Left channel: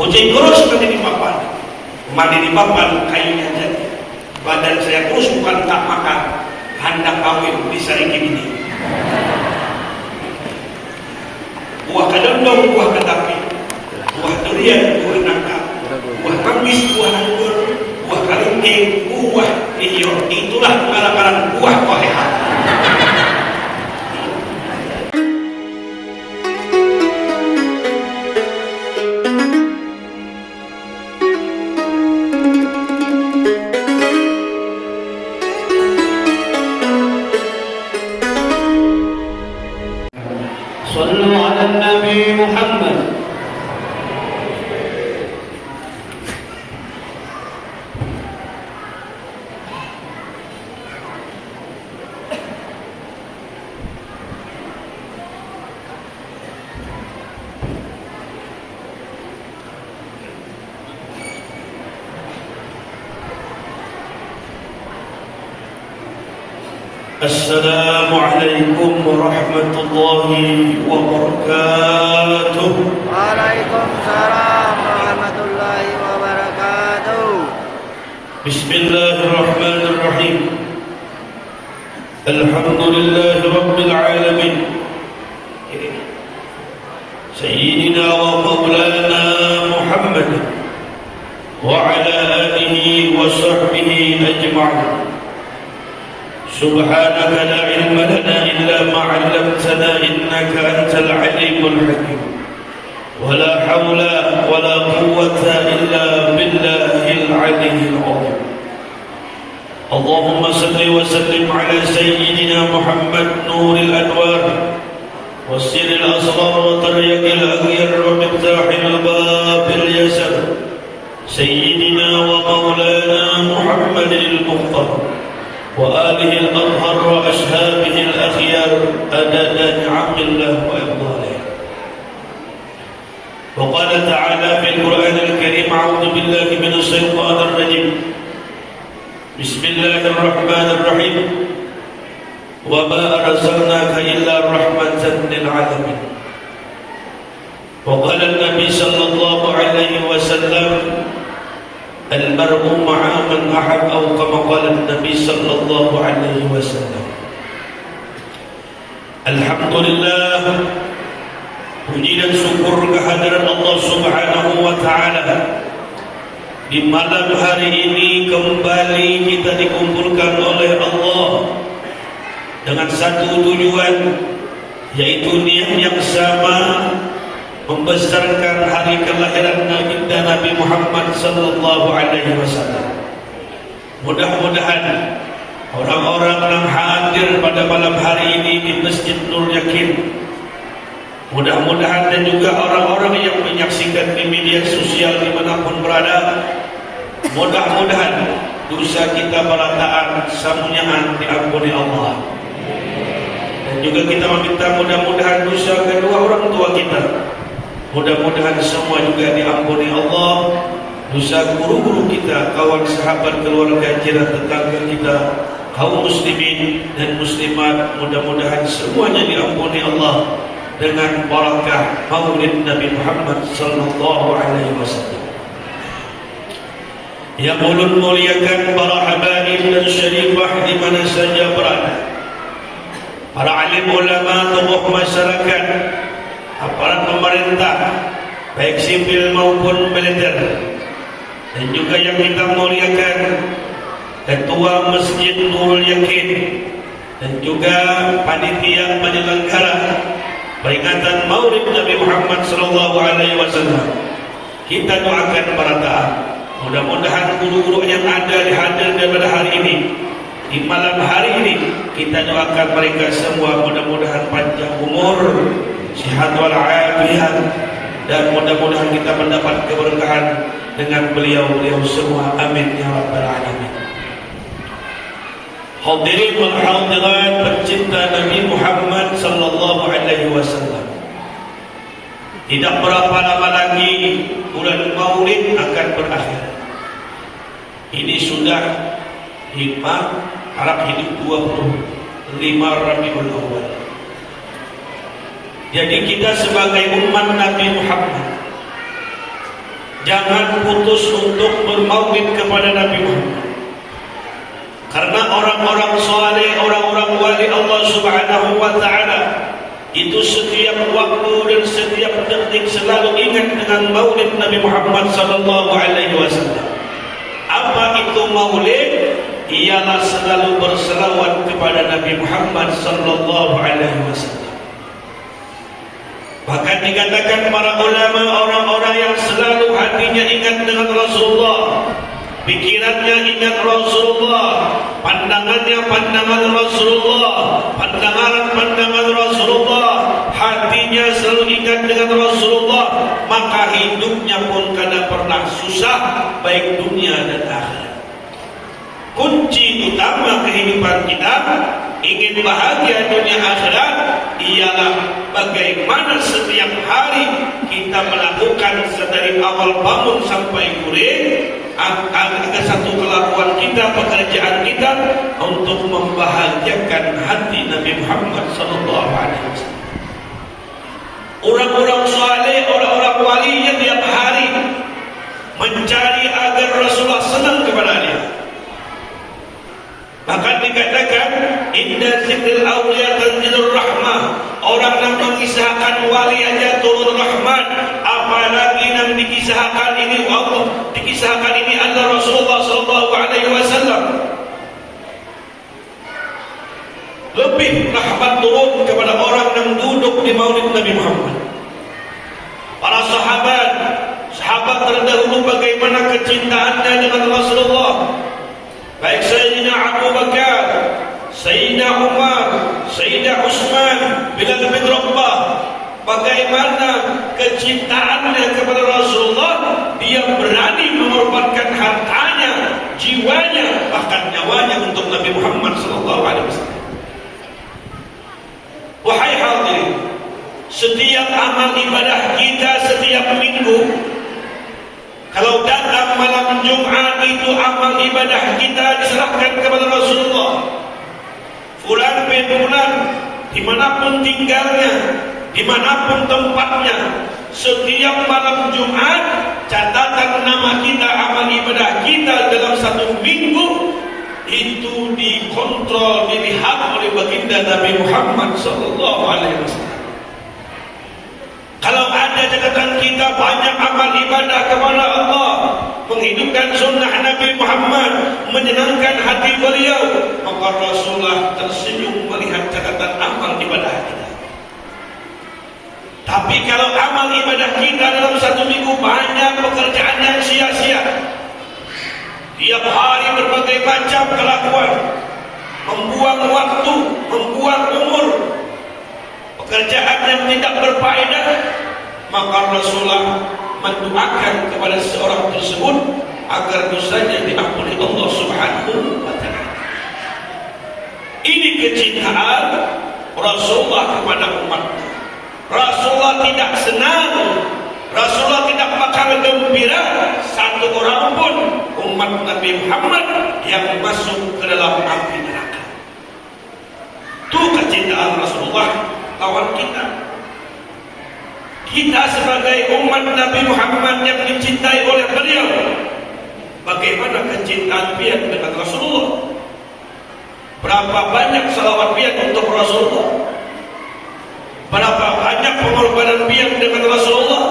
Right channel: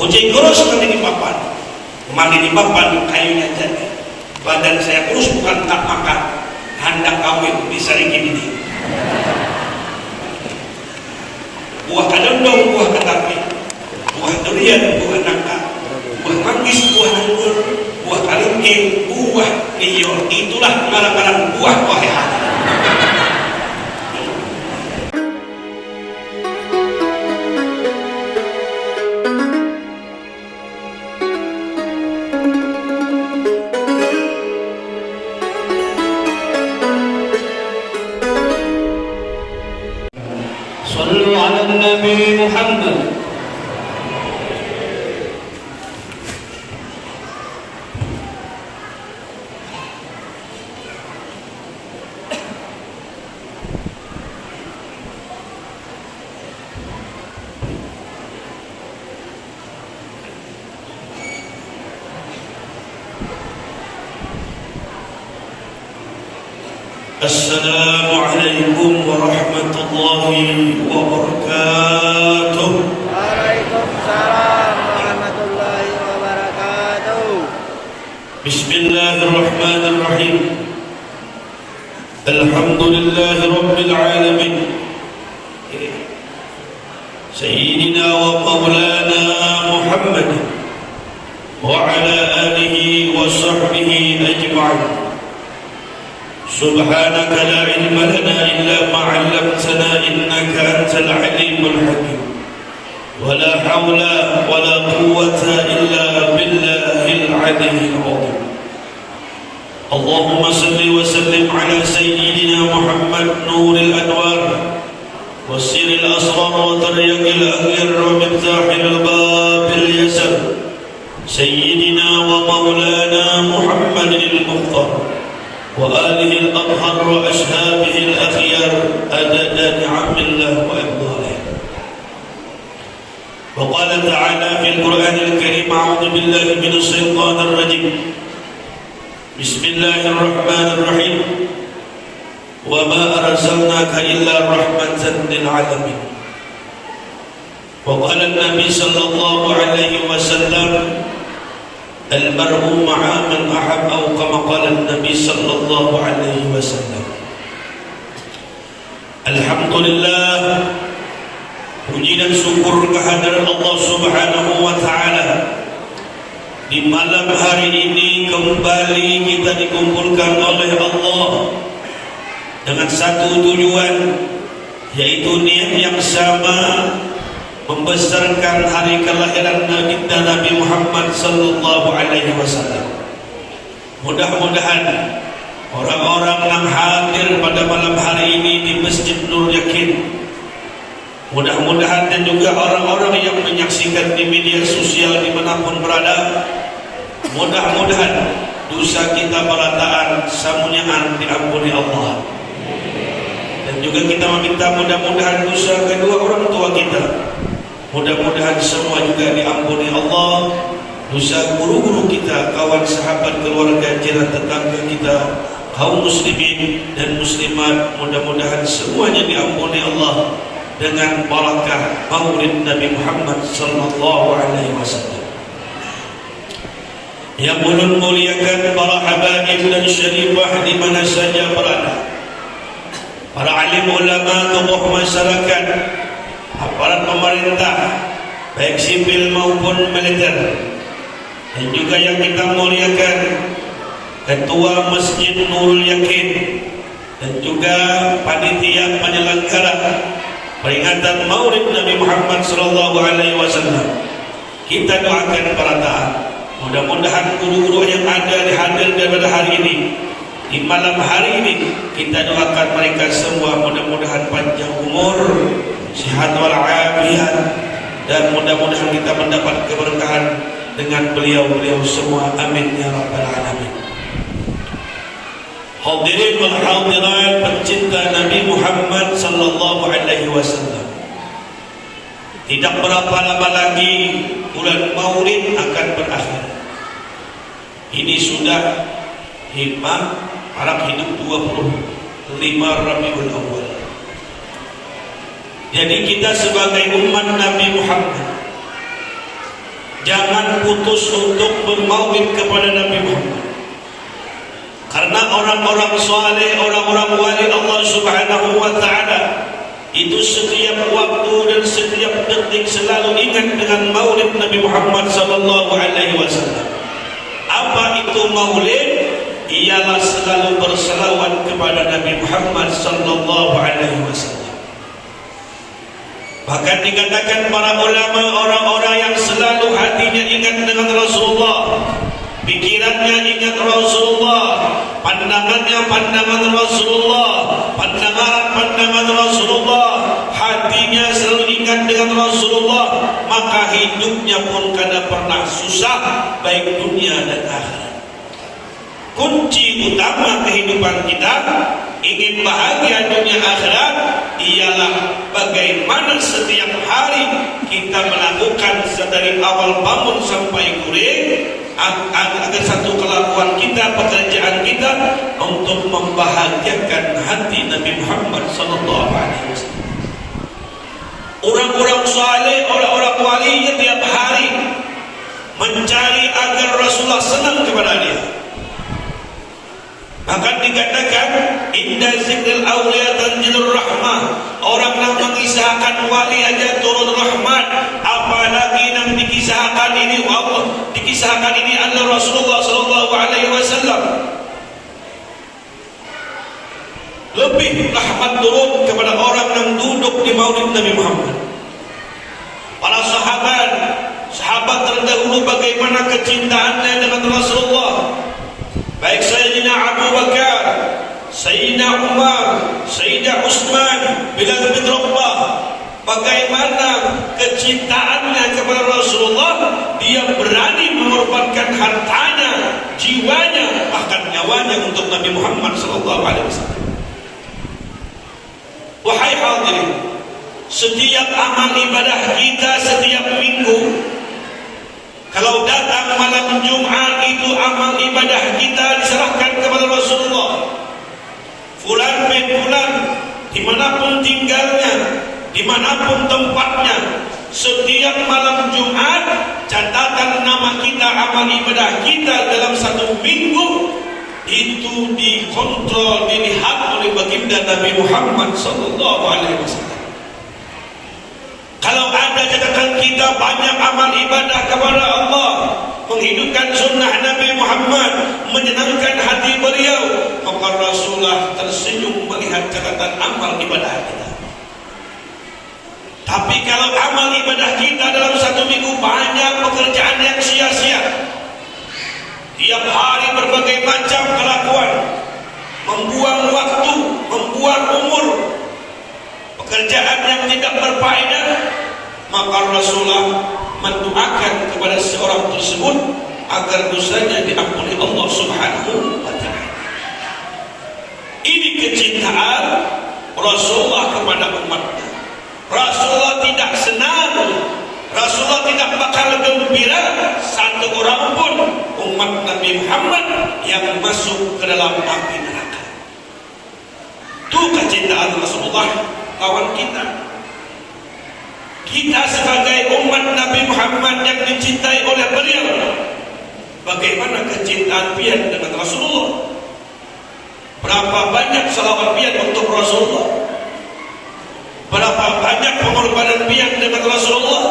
Hujan terus kami di papan. Mari di papan kayunya jadi. Badan saya kurus bukan tak makan. Hendak kawin bisa ingin ini. Buah kadondong, buah ketapi, buah durian, buah nangka, buah kambis, buah anggur, buah kalengking, buah liur. Itulah barang-barang buah koheha. صلوا على النبي محمد. السلام عليكم ورحمة الله وبركاته. Waalaikumsalam warahmatullahi wabarakatuh. بسم الله الرحمن الرحيم. الحمد لله رب العالمين. سيدنا ومولانا محمد وعلى آله وصحبه أجمعين. سبحانك لا علم لنا إلا ما علمتنا إنك أنت العليم الحكيم. ولا حول ولا قوة إلا بالله العلي العظيم. اللهم صل وسلم على سيدنا محمد نور الأنوار والسر الأسرار وطريق الأغيار ومفتاح الباب اليسر سيدنا ومولانا محمد المختار وآله الأطهر وأصحابه الأخيار أدد نعم الله وإفضاله. وقال تعالى في القرآن الكريم: أعوذ بالله من الشيطان الرجيم. بسم الله الرحمن الرحيم. وما أرسلناك إلا رحمة للعالمين. وقال النبي صلى الله عليه وسلم: المرء مع من أحب، أو كما قال النبي صلى الله عليه وسلم. Alhamdulillah, puji dan syukur kehadiran Allah Subhanahu wa Ta'ala. Di malam hari ini kembali kita dikumpulkan oleh Allah dengan satu tujuan, yaitu niat yang sama, membesarkan hari kelahiran Nabi Muhammad sallallahu alaihi wasallam. Mudah-mudahan orang-orang yang hadir pada malam hari ini di Masjid Nur Yakin, mudah-mudahan dan juga orang-orang yang menyaksikan di media sosial dimanapun berada, mudah-mudahan dosa kita berataan samunyaan diampuni Allah. Dan juga kita meminta mudah-mudahan dosa kedua orang tua kita, mudah-mudahan semua juga diampuni Allah. Dosa guru-guru kita, kawan sahabat, keluarga, jiran, tetangga kita, kaum muslimin dan muslimat, mudah-mudahan semuanya diampuni Allah dengan barakah maulid Nabi Muhammad sallallahu alaihi wasallam. Yang ulun muliakan para habaib dan syarifah di mana saja berada, para alim ulama, tokoh masyarakat, aparat pemerintah baik sipil maupun militer, dan juga yang kita muliakan Ketua Masjid Nurul Yakin dan juga panitia penyelenggara peringatan Maulid Nabi Muhammad sallallahu alaihi wasallam. Kita doakan para taat, mudah-mudahan guru-guru yang ada hadir pada hari ini, di malam hari ini, kita doakan mereka semua mudah-mudahan panjang umur, sehat walafiat, dan mudah-mudahan kita mendapat keberkahan dengan beliau-beliau semua. Amin ya rabbal alamin. Hadirin wal hadirat pencinta Nabi Muhammad sallallahu alaihi wasallam. Tidak berapa lama lagi bulan Maulid akan berakhir. Ini sudah harap hidup 25 Rabiul Awal. Jadi kita sebagai umat Nabi Muhammad jangan putus untuk bermaulid kepada Nabi Muhammad. Karena orang-orang saleh, orang-orang wali Allah Subhanahu wa taala itu setiap waktu dan setiap detik selalu ingat dengan maulid Nabi Muhammad sallallahu alaihi wasallam. Apa itu maulid? Ialah selalu berselawat kepada Nabi Muhammad sallallahu alaihi wasallam. Bahkan dikatakan para ulama, orang-orang yang selalu hatinya ingat dengan Rasulullah, pikirannya ingat Rasulullah, pandangannya pandangan Rasulullah, pandangan Rasulullah, hatinya selalu ingat dengan Rasulullah, maka hidupnya pun kada pernah susah, baik dunia dan akhirat. Kunci utama kehidupan kita ingin bahagia dunia akhirat ialah bagaimana setiap hari kita melakukan sedari awal bangun sampai guring agar satu kelakuan kita, pekerjaan kita untuk membahagiakan hati Nabi Muhammad sallallahu alaihi wasallam. Orang-orang saleh, orang-orang wali yang tiap hari mencari agar Rasulullah senang kepada dia. Bahkan dikatakan inna zikril awliya tanzilur rahmah. Orang yang mengisahkan wali aja turun rahmat, apalagi yang dikisahkan ini Allah, dikisahkan ini Allah Rasulullah sallallahu alaihi wasallam. Lebih rahmat turun kepada orang yang duduk di maulid Nabi Muhammad. Para sahabat terdahulu bagaimana kecintaannya dengan Rasulullah. Baik Sayyidina Abu Bakar, Sayyidina Umar, Sayyidina Utsman, Bilal bin Rabah, bagaimana kecintaannya kepada Rasulullah, dia berani mengorbankan hartanya, jiwanya, bahkan nyawanya untuk Nabi Muhammad sallallahu alaihi wasallam. Wahai hadirin, setiap amal ibadah kita setiap minggu, kalau datang malam Jumat itu amal ibadah kita diserahkan kepada Rasulullah. Fulan bin fulan, dimanapun tinggalnya, dimanapun tempatnya, setiap malam Jumat catatan nama kita, amal ibadah kita dalam satu minggu itu dikontrol, dilihat oleh baginda Nabi Muhammad sallallahu alaihi wasallam. Kalau ada catatan kita banyak amal ibadah kepada Allah, menghidupkan sunnah Nabi Muhammad, menyenangkan hati beliau, maka Rasulullah tersenyum melihat catatan amal ibadah kita. Tapi kalau amal ibadah kita dalam satu minggu banyak pekerjaan yang sia-sia, tiap hari berbagai macam kelakuan, membuang waktu, membuang umur, pekerjaan yang tidak berfaedah, maka Rasulullah mendoakan kepada seorang tersebut agar dosanya diampuni Allah Subhanahu wa taala. Ini kecintaan Rasulullah kepada umatnya. Rasulullah tidak senang, Rasulullah tidak bakal gembira satu orang pun umat Nabi Muhammad yang masuk ke dalam api neraka. Itu kecintaan Rasulullah lawan kita. Kita sebagai umat Nabi Muhammad yang dicintai oleh beliau, bagaimana kecintaan pian dengan Rasulullah? Berapa banyak selawat pian untuk Rasulullah? Berapa banyak pengorbanan pian dengan Rasulullah?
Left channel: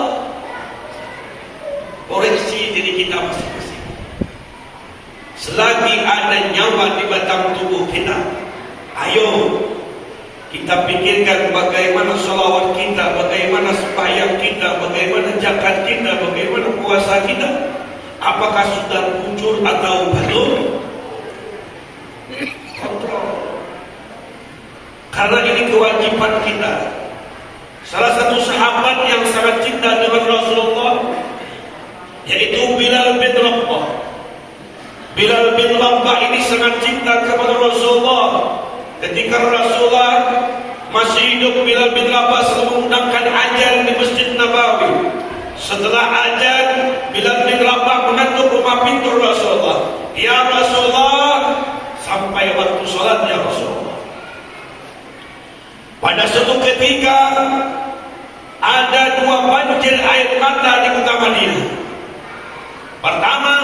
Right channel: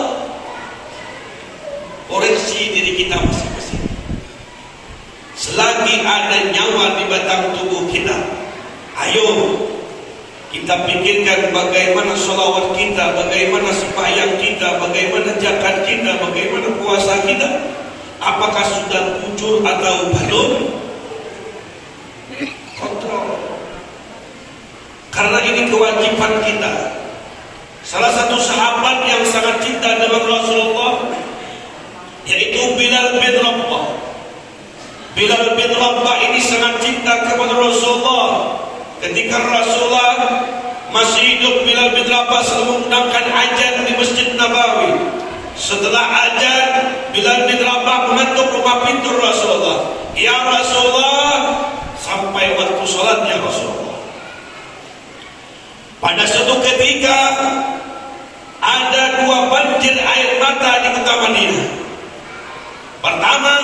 Koreksi diri kita masing-masing. Selagi ada nyawa di batang tubuh kita, ayo kita pikirkan bagaimana sholawat kita, bagaimana sembahyang kita, bagaimana zakat kita, bagaimana puasa kita. Apakah sudah muncul atau belum? Kontrol. Karena ini kewajiban kita. Salah satu sahabat yang sangat cinta dengan Rasulullah, yaitu Bilal bin Rabah. Bilal bin Rabah ini sangat cinta kepada Rasulullah. Ketika Rasulullah masih hidup, Bilal bin Rabah sedang mengundangkan azan di Masjid Nabawi. Setelah azan, Bilal bin Rabah mengetuk rumah pintu Rasulullah. Ya Rasulullah, sampai waktu sholatnya Rasulullah. Pada suatu ketika ada dua banjir air mata di kota Madinah. Pertama,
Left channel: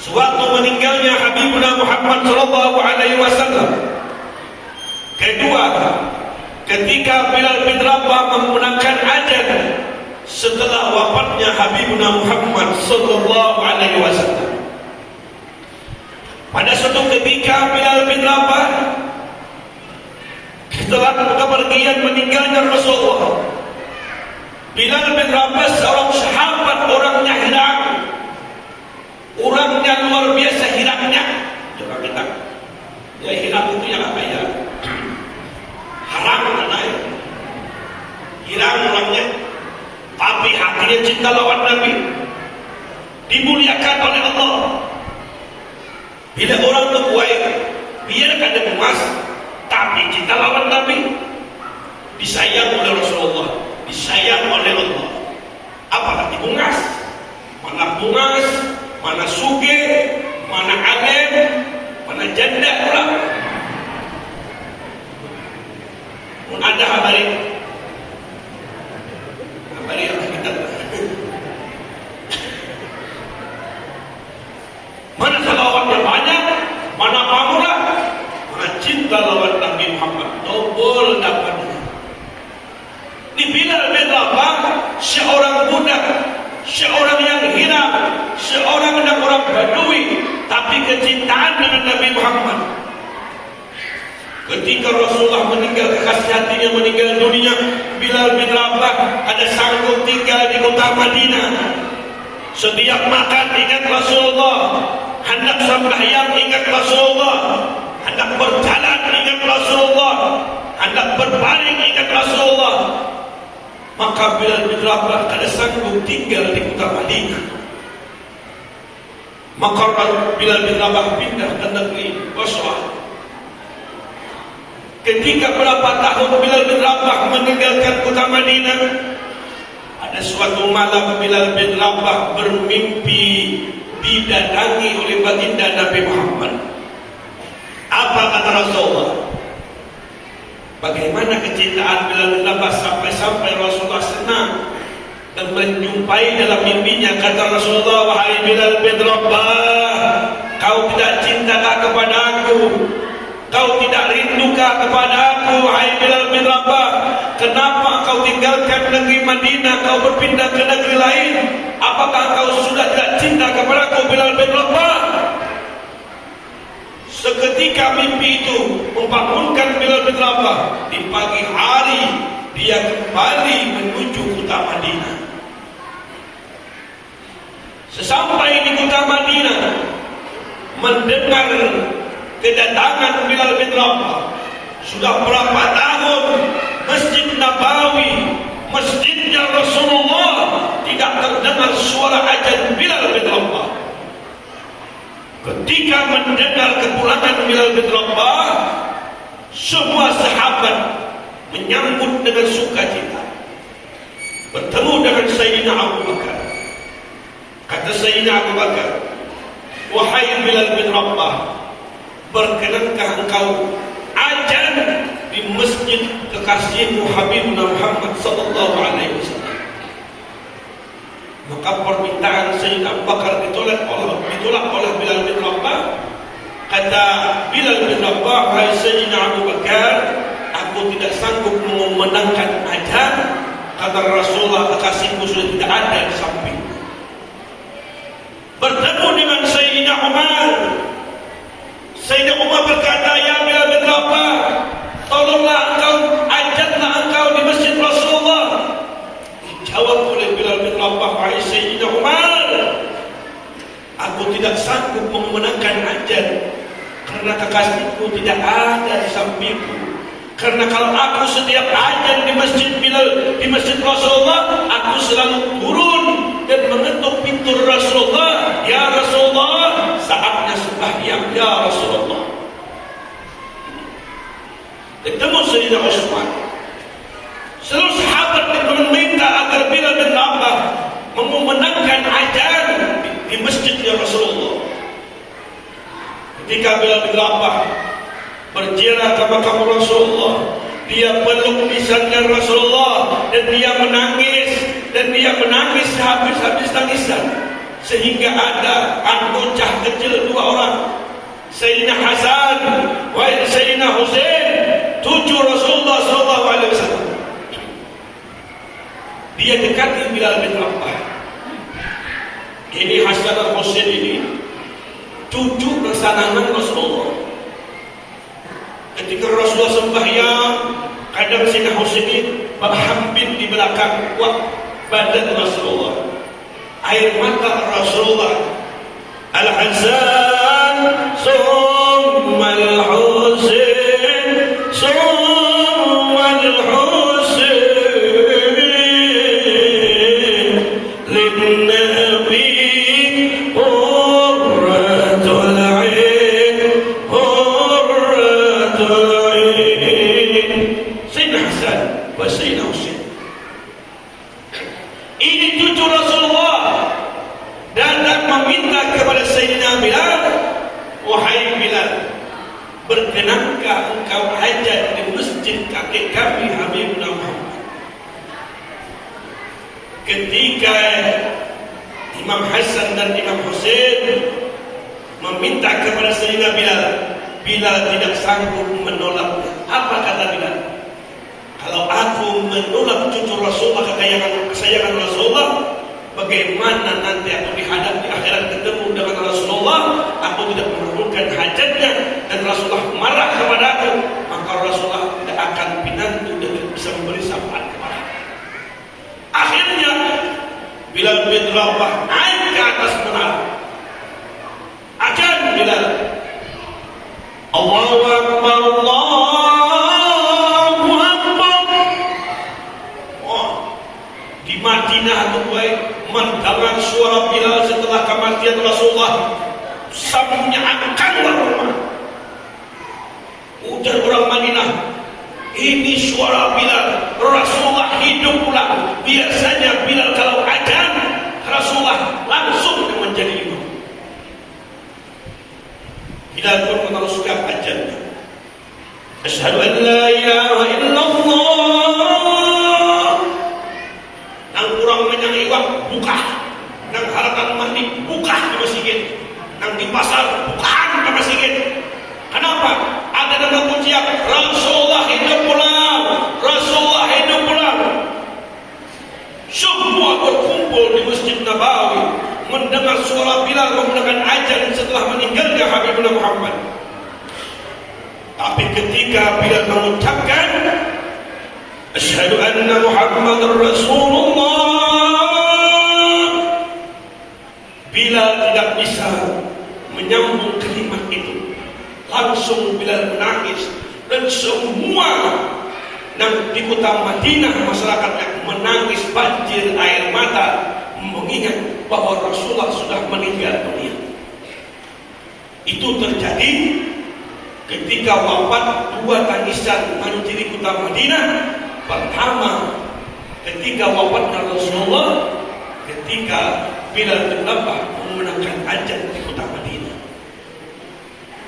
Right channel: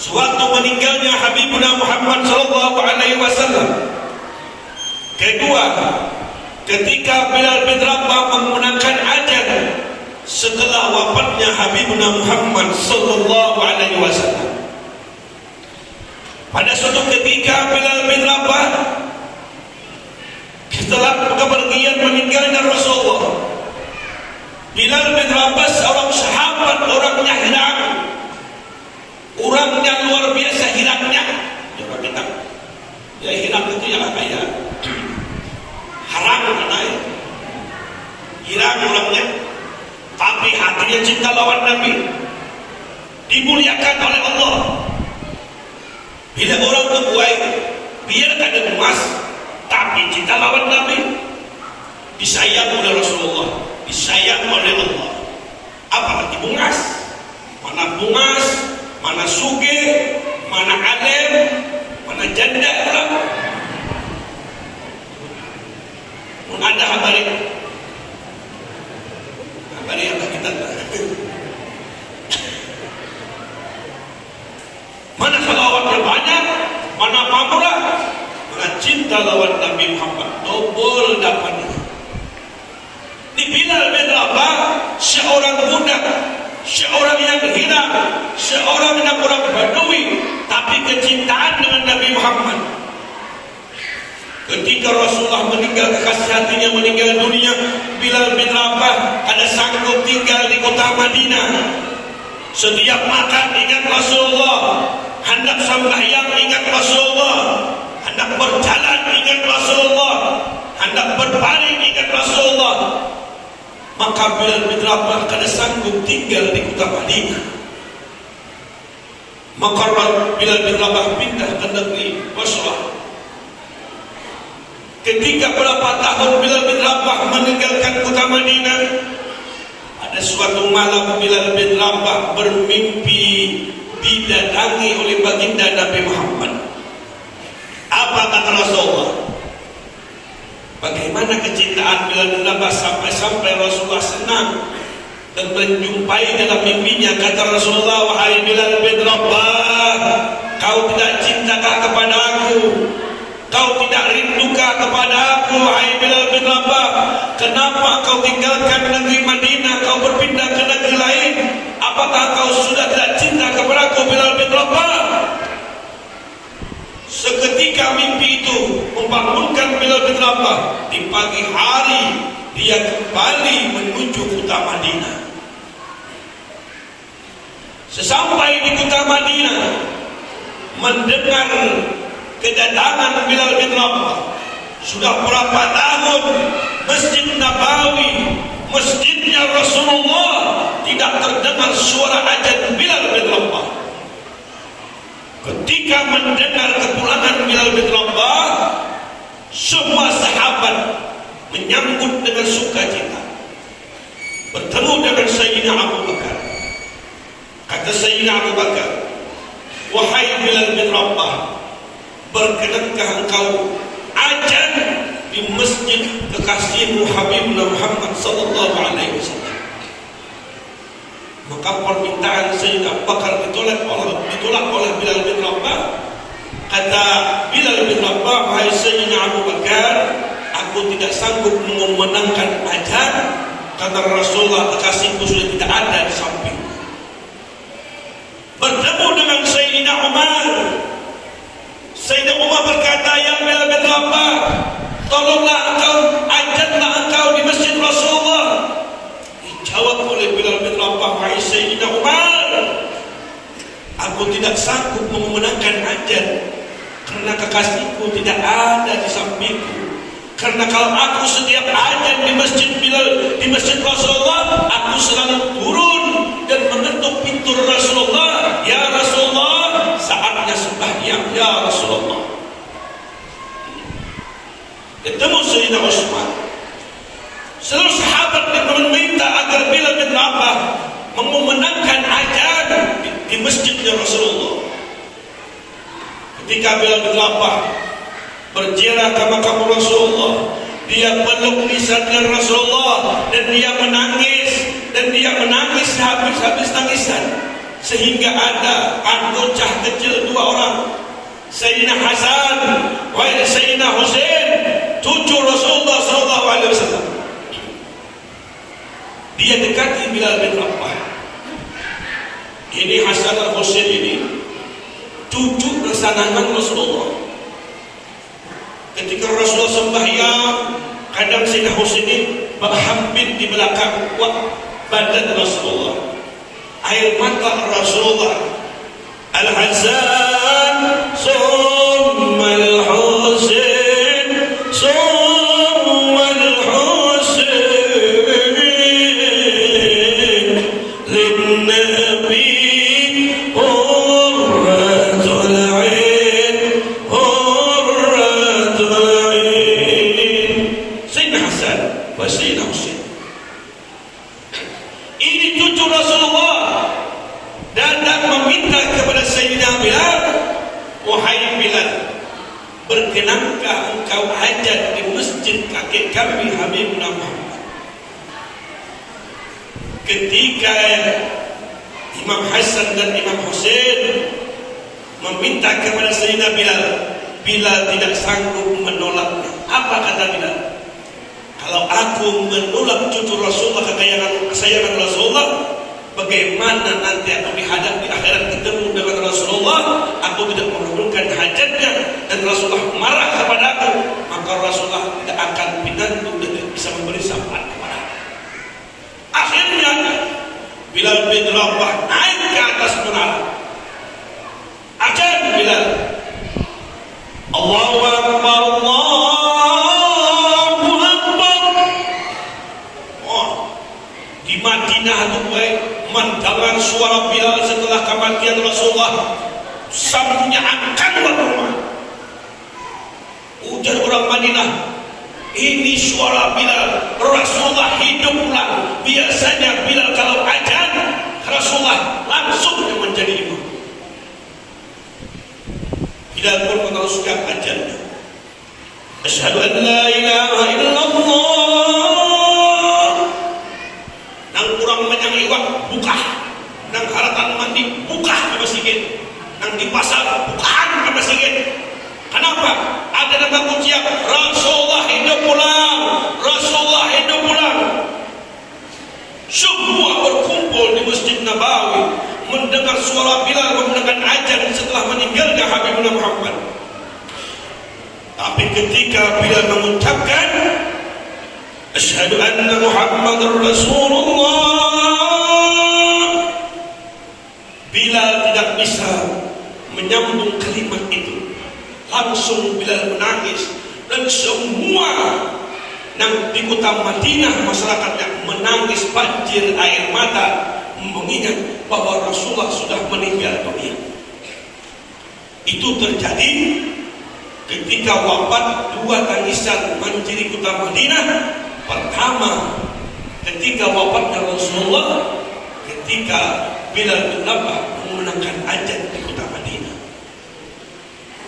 sewaktu meninggalnya Habibuna Muhammad sallallahu alaihi wasallam. Kedua, ketika Bilal bin Rabah menggunakan azan setelah wafatnya Habibuna Muhammad sallallahu alaihi wasallam. Pada suatu ketika Bilal bin Rabah setelah kepergian meninggalnya Rasulullah, Bilal bin Rabah seorang sahabat, orangnya hilang, orangnya luar biasa hilangnya. Ya hilang itu yang apa ya? Haram mana ya? Hilang orangnya, tapi hatinya cinta lawan Nabi, dimuliakan oleh Allah. Bila orang itu baik, biarkan dia emas, tapi cinta lawan Nabi, disayang oleh Rasulullah, disayang oleh Allah. Apalagi bungas, mana bungas, mana suge, mana alim, mana janda orang. Ada hari apa kita? Mana salawatnya banyak, mana pamurah, mana cinta lawan Nabi Muhammad. Dobol dapatnya. Di Bilal bin Rabah, seorang budak, seorang yang hilang, seorang yang orang Badui, tapi kecintaan dengan Nabi Muhammad. Ketika Rasulullah meninggal, kekasih hatinya meninggal dunia, Bilal bin Rabah ada sanggup tinggal di kota Madinah. Setiap makan ingat Rasulullah, hendak sembahyang ingat Rasulullah, hendak berjalan ingat Rasulullah, hendak berbaring ingat Rasulullah. Maka Bilal bin Rabah ada sanggup tinggal di kota Madinah. Maka Bilal bin Rabah pindah ke negeri Basrah. Ketika berapa tahun Bilal bin Rabah meninggalkan kota Madinah, ada suatu malam Bilal bin Rabah bermimpi didatangi oleh baginda Nabi Muhammad. Apa kata Rasulullah? Bagaimana kecintaan Bilal bin Rabah sampai Rasulullah senang dan menjumpai dalam mimpinya. Kata Rasulullah, wahai Bilal bin Rabah, kau tidak cintakah kepada aku? Kau tidak rindukah kepada aku, wahai Bilal bin Rabah? Kenapa kau tinggalkan negeri Madinah, kau berpindah ke negeri lain? Apakah kau sudah tidak cinta kepada aku, Bilal bin Rabah? Seketika mimpi itu membangunkan Bilal bin Rabah. Di pagi hari dia kembali menuju kota Madinah. Sesampai di kota Madinah, mendengar kedatangan Bilal bin Rabah. Sudah berapa tahun Masjid Nabawi, masjidnya Rasulullah, tidak terdengar suara azan Bilal bin Rabah. Ketika mendengar kepulangan Bilal bin Rabah, semua sahabat menyambut dengan sukacita. Bertemu dengan Sayyidina Abu Bakar. Kata Sayyidina Abu Bakar, wahai Bilal bin Rabah, berkenankah engkau azan di masjid kekasihmu Habibuna Muhammad sallallahu alaihi wasallam? Maka permintaan Sayyidina Abu Bakar ditolak oleh Bilal bin Rabah. Kata Bilal bin Rabah, wahai Sayyidina Abu Bakar, aku tidak sanggup memenangkan azan. Kata Rasulullah, kekasihku sudah tidak ada di samping. Bertemu dengan Sayyidina Umar. Sayyidina Umar berkata, ya Bilal bin Rabah, tolonglah engkau, azanlah engkau di masjid Rasulullah. Dijawab oleh Bilal bin Rabah, wahai Sayyidina Umar, aku tidak sanggup memenangkan azan karena kekasihku tidak ada di sampingku. Karena kalau aku setiap azan di masjid Bilal, di masjid Rasulullah, aku selalu turun dan mengetuk pintu Rasulullah. Ya Rasulullah, saatnya sembahyang, ya Rasulullah. Ketemu Sayyidina Utsman. Seluruh sahabat meminta agar Bilal bin Rabah memenangkan azan di masjidnya Rasulullah. Ketika Bilal bin Rabah berziarah ke makam Rasulullah, dia peluk lisannya Rasulullah dan dia menangis habis-habis tangisan sehingga ada bocah kecil 2 orang, Sayyidina Hasan wa Sayyidina Husain, cucu Rasulullah SAW. Dia dekati Bilal bin Rabah. Ini Hasan dan Husain ini cucu kesayangan Rasulullah. Ketika Rasulullah sembahyang, kadang Sayyidina Husain ini berhampir di belakang badan Rasulullah. Air mata Rasulullah. Al-Hasan summa al-Husain summa al-Husain lin-Nabi qurratul 'ain qurratul 'ain. Sayyidina Hasan wa Sayyidina Husain ini cucu Rasulullah, datang meminta kepada Sayyidina Bilal, wahai Bilal, berkenankah engkau hajat di masjid kakek kami Habibuna Muhammad? Ketika Imam Hasan dan Imam Husain meminta kepada Sayyidina Bilal, Bilal tidak sanggup menolaknya. Apa kata Bilal? Kalau aku menolak cucu Rasulullah, kesayangan Rasulullah, bagaimana nanti aku dihadap di akhirat ketemu dengan Rasulullah? Aku tidak mengabulkan hajatnya dan Rasulullah marah kepada aku, maka Rasulullah tidak akan pinantu dan bisa memberi syafaat kepada aku. Akhirnya Bilal bin Rabah naik ke atas menara. Azan Bilal, Allahu Akbar, Madinah itu mendengar suara Bilal setelah kematian Rasulullah, sambungnya akan berumah. Ujar orang Madinah, ini suara Bilal, Rasulullah hidup pulang. Biasanya Bilal kalau azan, Rasulullah langsung menjadi imam. Bilal pun meneruskan azannya. Asyhadu an la ilaha illallah. Buka, nang haratan mandi buka ke masjid, nang di pasar bukaan ke masjid. Kenapa? Ada nama pujian Rasulullah hidup pulang, Rasulullah hidup pulang. Semua berkumpul di Masjid Nabawi mendengar suara Bilal mendengarkan azan setelah meninggalnya Habibuna Muhammad. Tapi ketika Bilal mengucapkan asyhadu anna Muhammadar Rasulullah, Bilal tidak bisa menyambung kalimat itu. Langsung Bilal menangis, dan semua yang di kota Madinah masyarakat yang menangis banjir air mata mengingat bahwa Rasulullah sudah meninggal dunia. Itu terjadi ketika wafat 2 tangisan manusia di kota Madinah. Pertama, ketika wafatnya Rasulullah, ketika Bilal bin Rabah memenangkan azan di kota Madinah.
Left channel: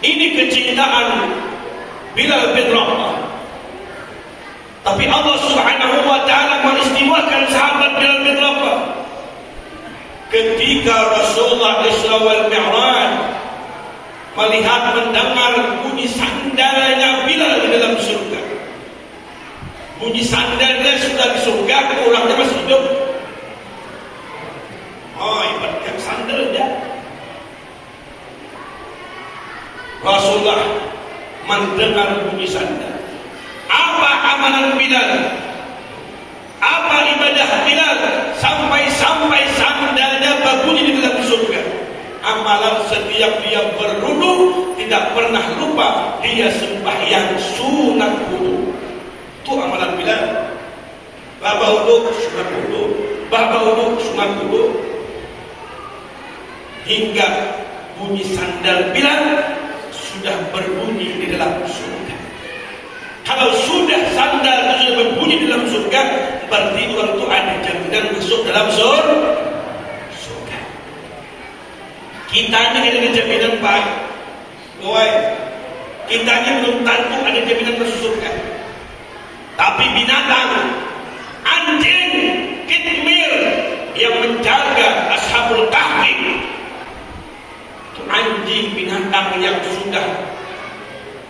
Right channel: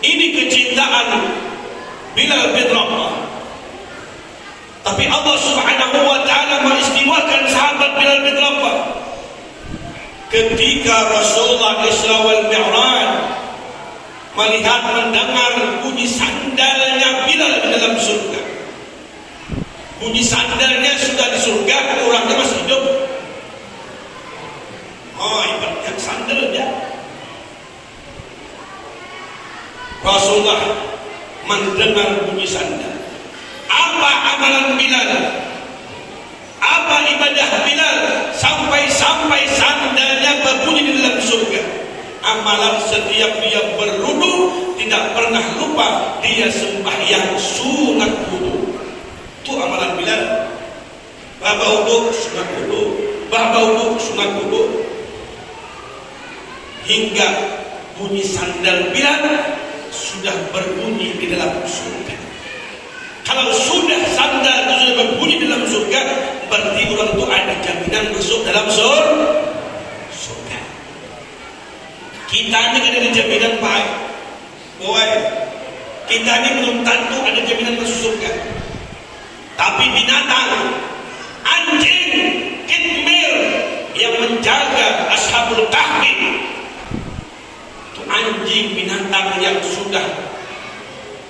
Ini kecintaan Bilal bin Rabah. Tapi Allah Subhanahu wa taala mengistimewakan sahabat Bilal bin Rabah. Ketika Rasulullah Isra wal Mi'raj melihat mendengar bunyi sandalnya Bilal di dalam surga. Bunyi sandalnya sudah di surga, orangnya masih hidup. Oh, ibaratnya sandalnya. Rasulullah mendengar bunyi sandal. Apa amalan Bilal? Apa ibadah Bilal sampai sandalnya berbunyi di dalam surga? Amalan setiap dia berwudu tidak pernah lupa dia sembahyang sunat wudu. Itu amalan Bilal. Baba wudu sunat wudu, baba wudu sunat wudu. Hingga bunyi sandal Bilal sudah berbunyi di dalam surga. Kalau sudah sandal sudah berbunyi di dalam surga, berarti orang itu ada jaminan masuk dalam surga. Kita ini ada jaminan baik. Kita ini belum tentu ada jaminan masuk surga. Tapi binatang, anjing, kitmir yang menjaga Ashabul Kahfi anjing binatang yang sudah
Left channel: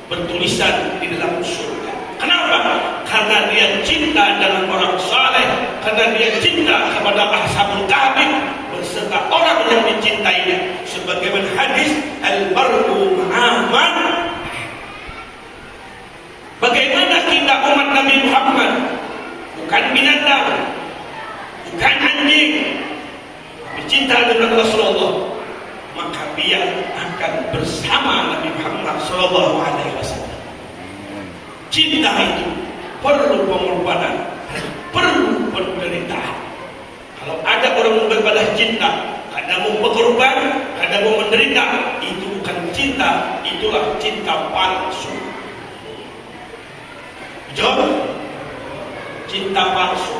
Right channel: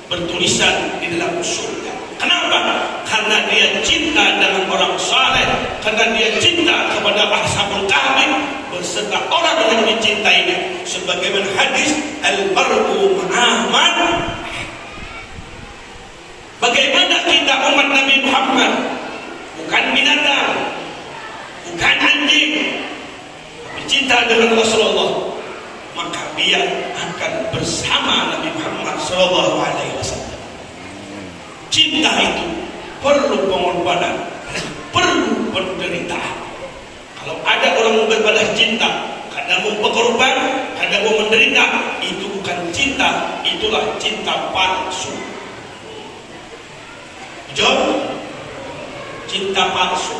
bertulisan di dalam surga. Kenapa? Karena dia cinta dengan orang saleh, karena dia cinta kepada ashabul kahfi beserta orang yang dicintainya. Sebagaimana hadis al-mar'u ma'aman. Bagaimana kita umat Nabi Muhammad, bukan binatang, bukan anjing, tapi cinta dengan Rasulullah, maka dia akan bersama Nabi Muhammad SAW. Cinta itu perlu pengorbanan, perlu penderitaan. Kalau ada orang berbalas cinta, kadang mau berkorban, kadang mau menderita, itu bukan cinta, itulah cinta palsu. Jom, cinta palsu.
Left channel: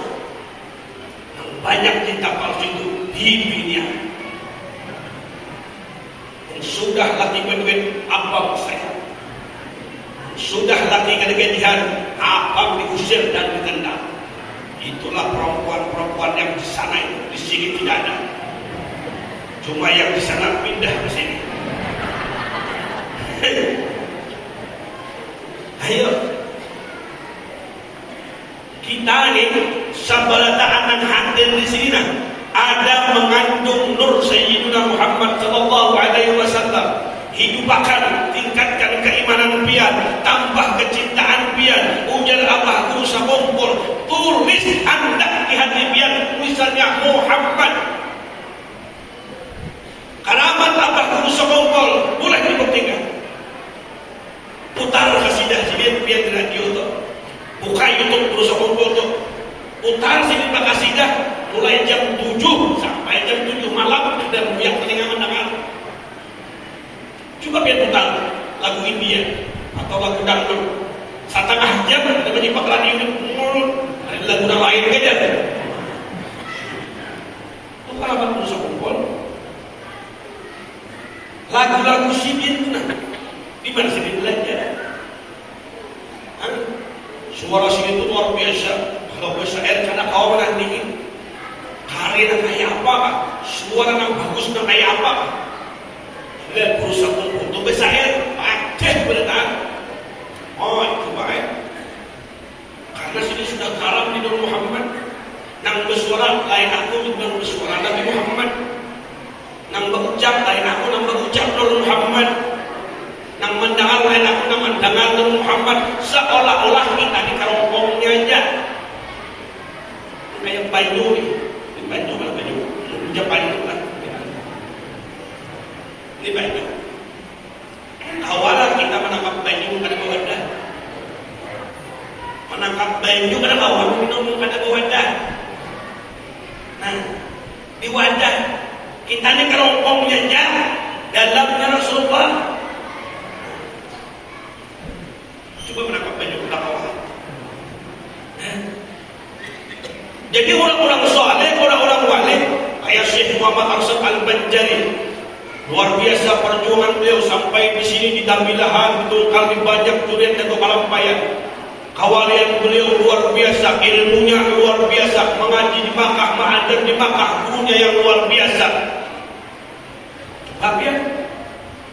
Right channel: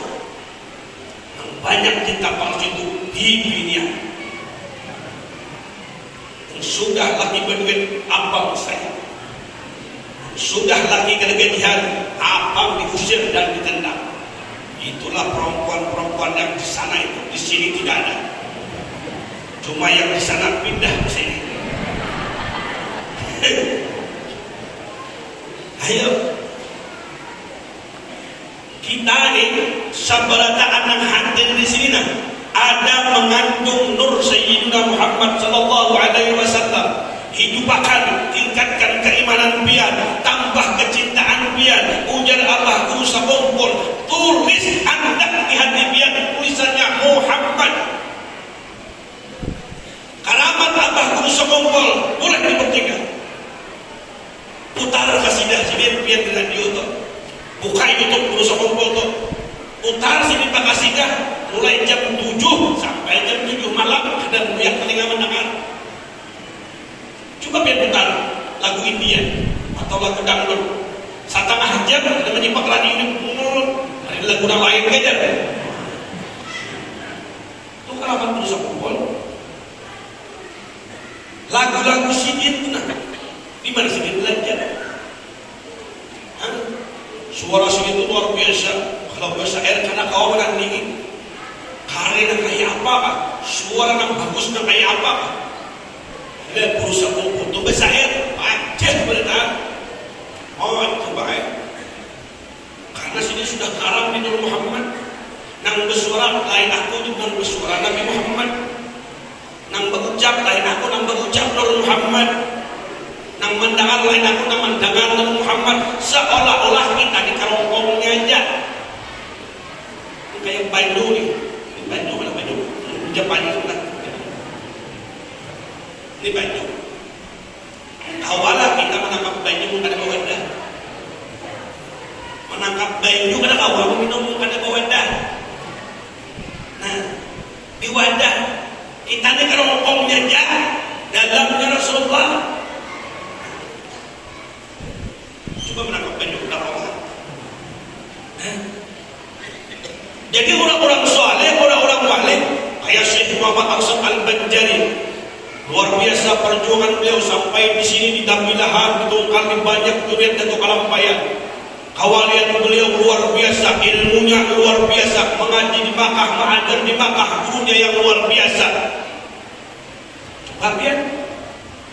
Banyak cinta palsu itu di dunia. Sudah lagi berbuat abang saya, sudah lagi kegajian abang diusir dan ditendang. Itulah perempuan-perempuan yang di sana itu, di sini tidak ada. Cuma yang di sana pindah ke sini. Ayo, kita ini sabarataan yang hadir di sini nah, ada mengandung nur Sayyidina Muhammad sallallahu alaihi wasallam. Hidupakan, tingkatkan keimanan pian, tambah kecintaan pian. Ujar Allah guru sakumpul, tulis anda di hati pian tulisannya Muhammad. Kalamat Allah guru sakumpul boleh dipetikkan. Putar kasidah sini pian di radio tu. Buka YouTube guru sakumpul tu. Putar sini kasidah mulai jam 7 sampai jam 7 malam dan biar telinga mendengar. Coba biar putar lagu India atau lagu dangdut setengah jam kita menyimak radio ini ada lagu yang lain aja. Itu harapan terus kumpul lagu-lagu sidin itu di mana sidin belajar. Suara sidin itu luar biasa. Kalau biasa air karena kawan dingin. Hari yang kayak apa? Suara yang bagus yang kayak apa? Dan berusaha untuk besar, wajib bertahan. Oh itu baik. Karena sini sudah karam di Nabi Muhammad. Nang bersuara lain aku juga bersuara Nabi Muhammad. Nang berucap lain aku nang berucap Nabi Muhammad. Nang mendengar lain aku nang mendengar Nabi Muhammad. Seolah-olah kita di kerongkongnya aja. Kayak Bandung nih. Bandung lah Bandung. Jepang lah. Ini banyak. Awalah kita menangkap banyu pada wadah. Menangkap banyu pada awal minum pada wadah. Nah, di wadah kita ini kerongkong jajah dalamnya Rasulullah. Coba menangkap banyu pada awal. Jadi orang-orang soleh, orang-orang wali, kayak Syekh Muhammad Arsyad Al-Banjari. Luar biasa perjuangan beliau sampai di sini di Dambilahan betul kali banyak durian dan kepalampayan. Kawalian beliau luar biasa, ilmunya luar biasa, mengaji di Makkah, mengajar di Makkah, gurunya yang luar biasa. Coba lihat,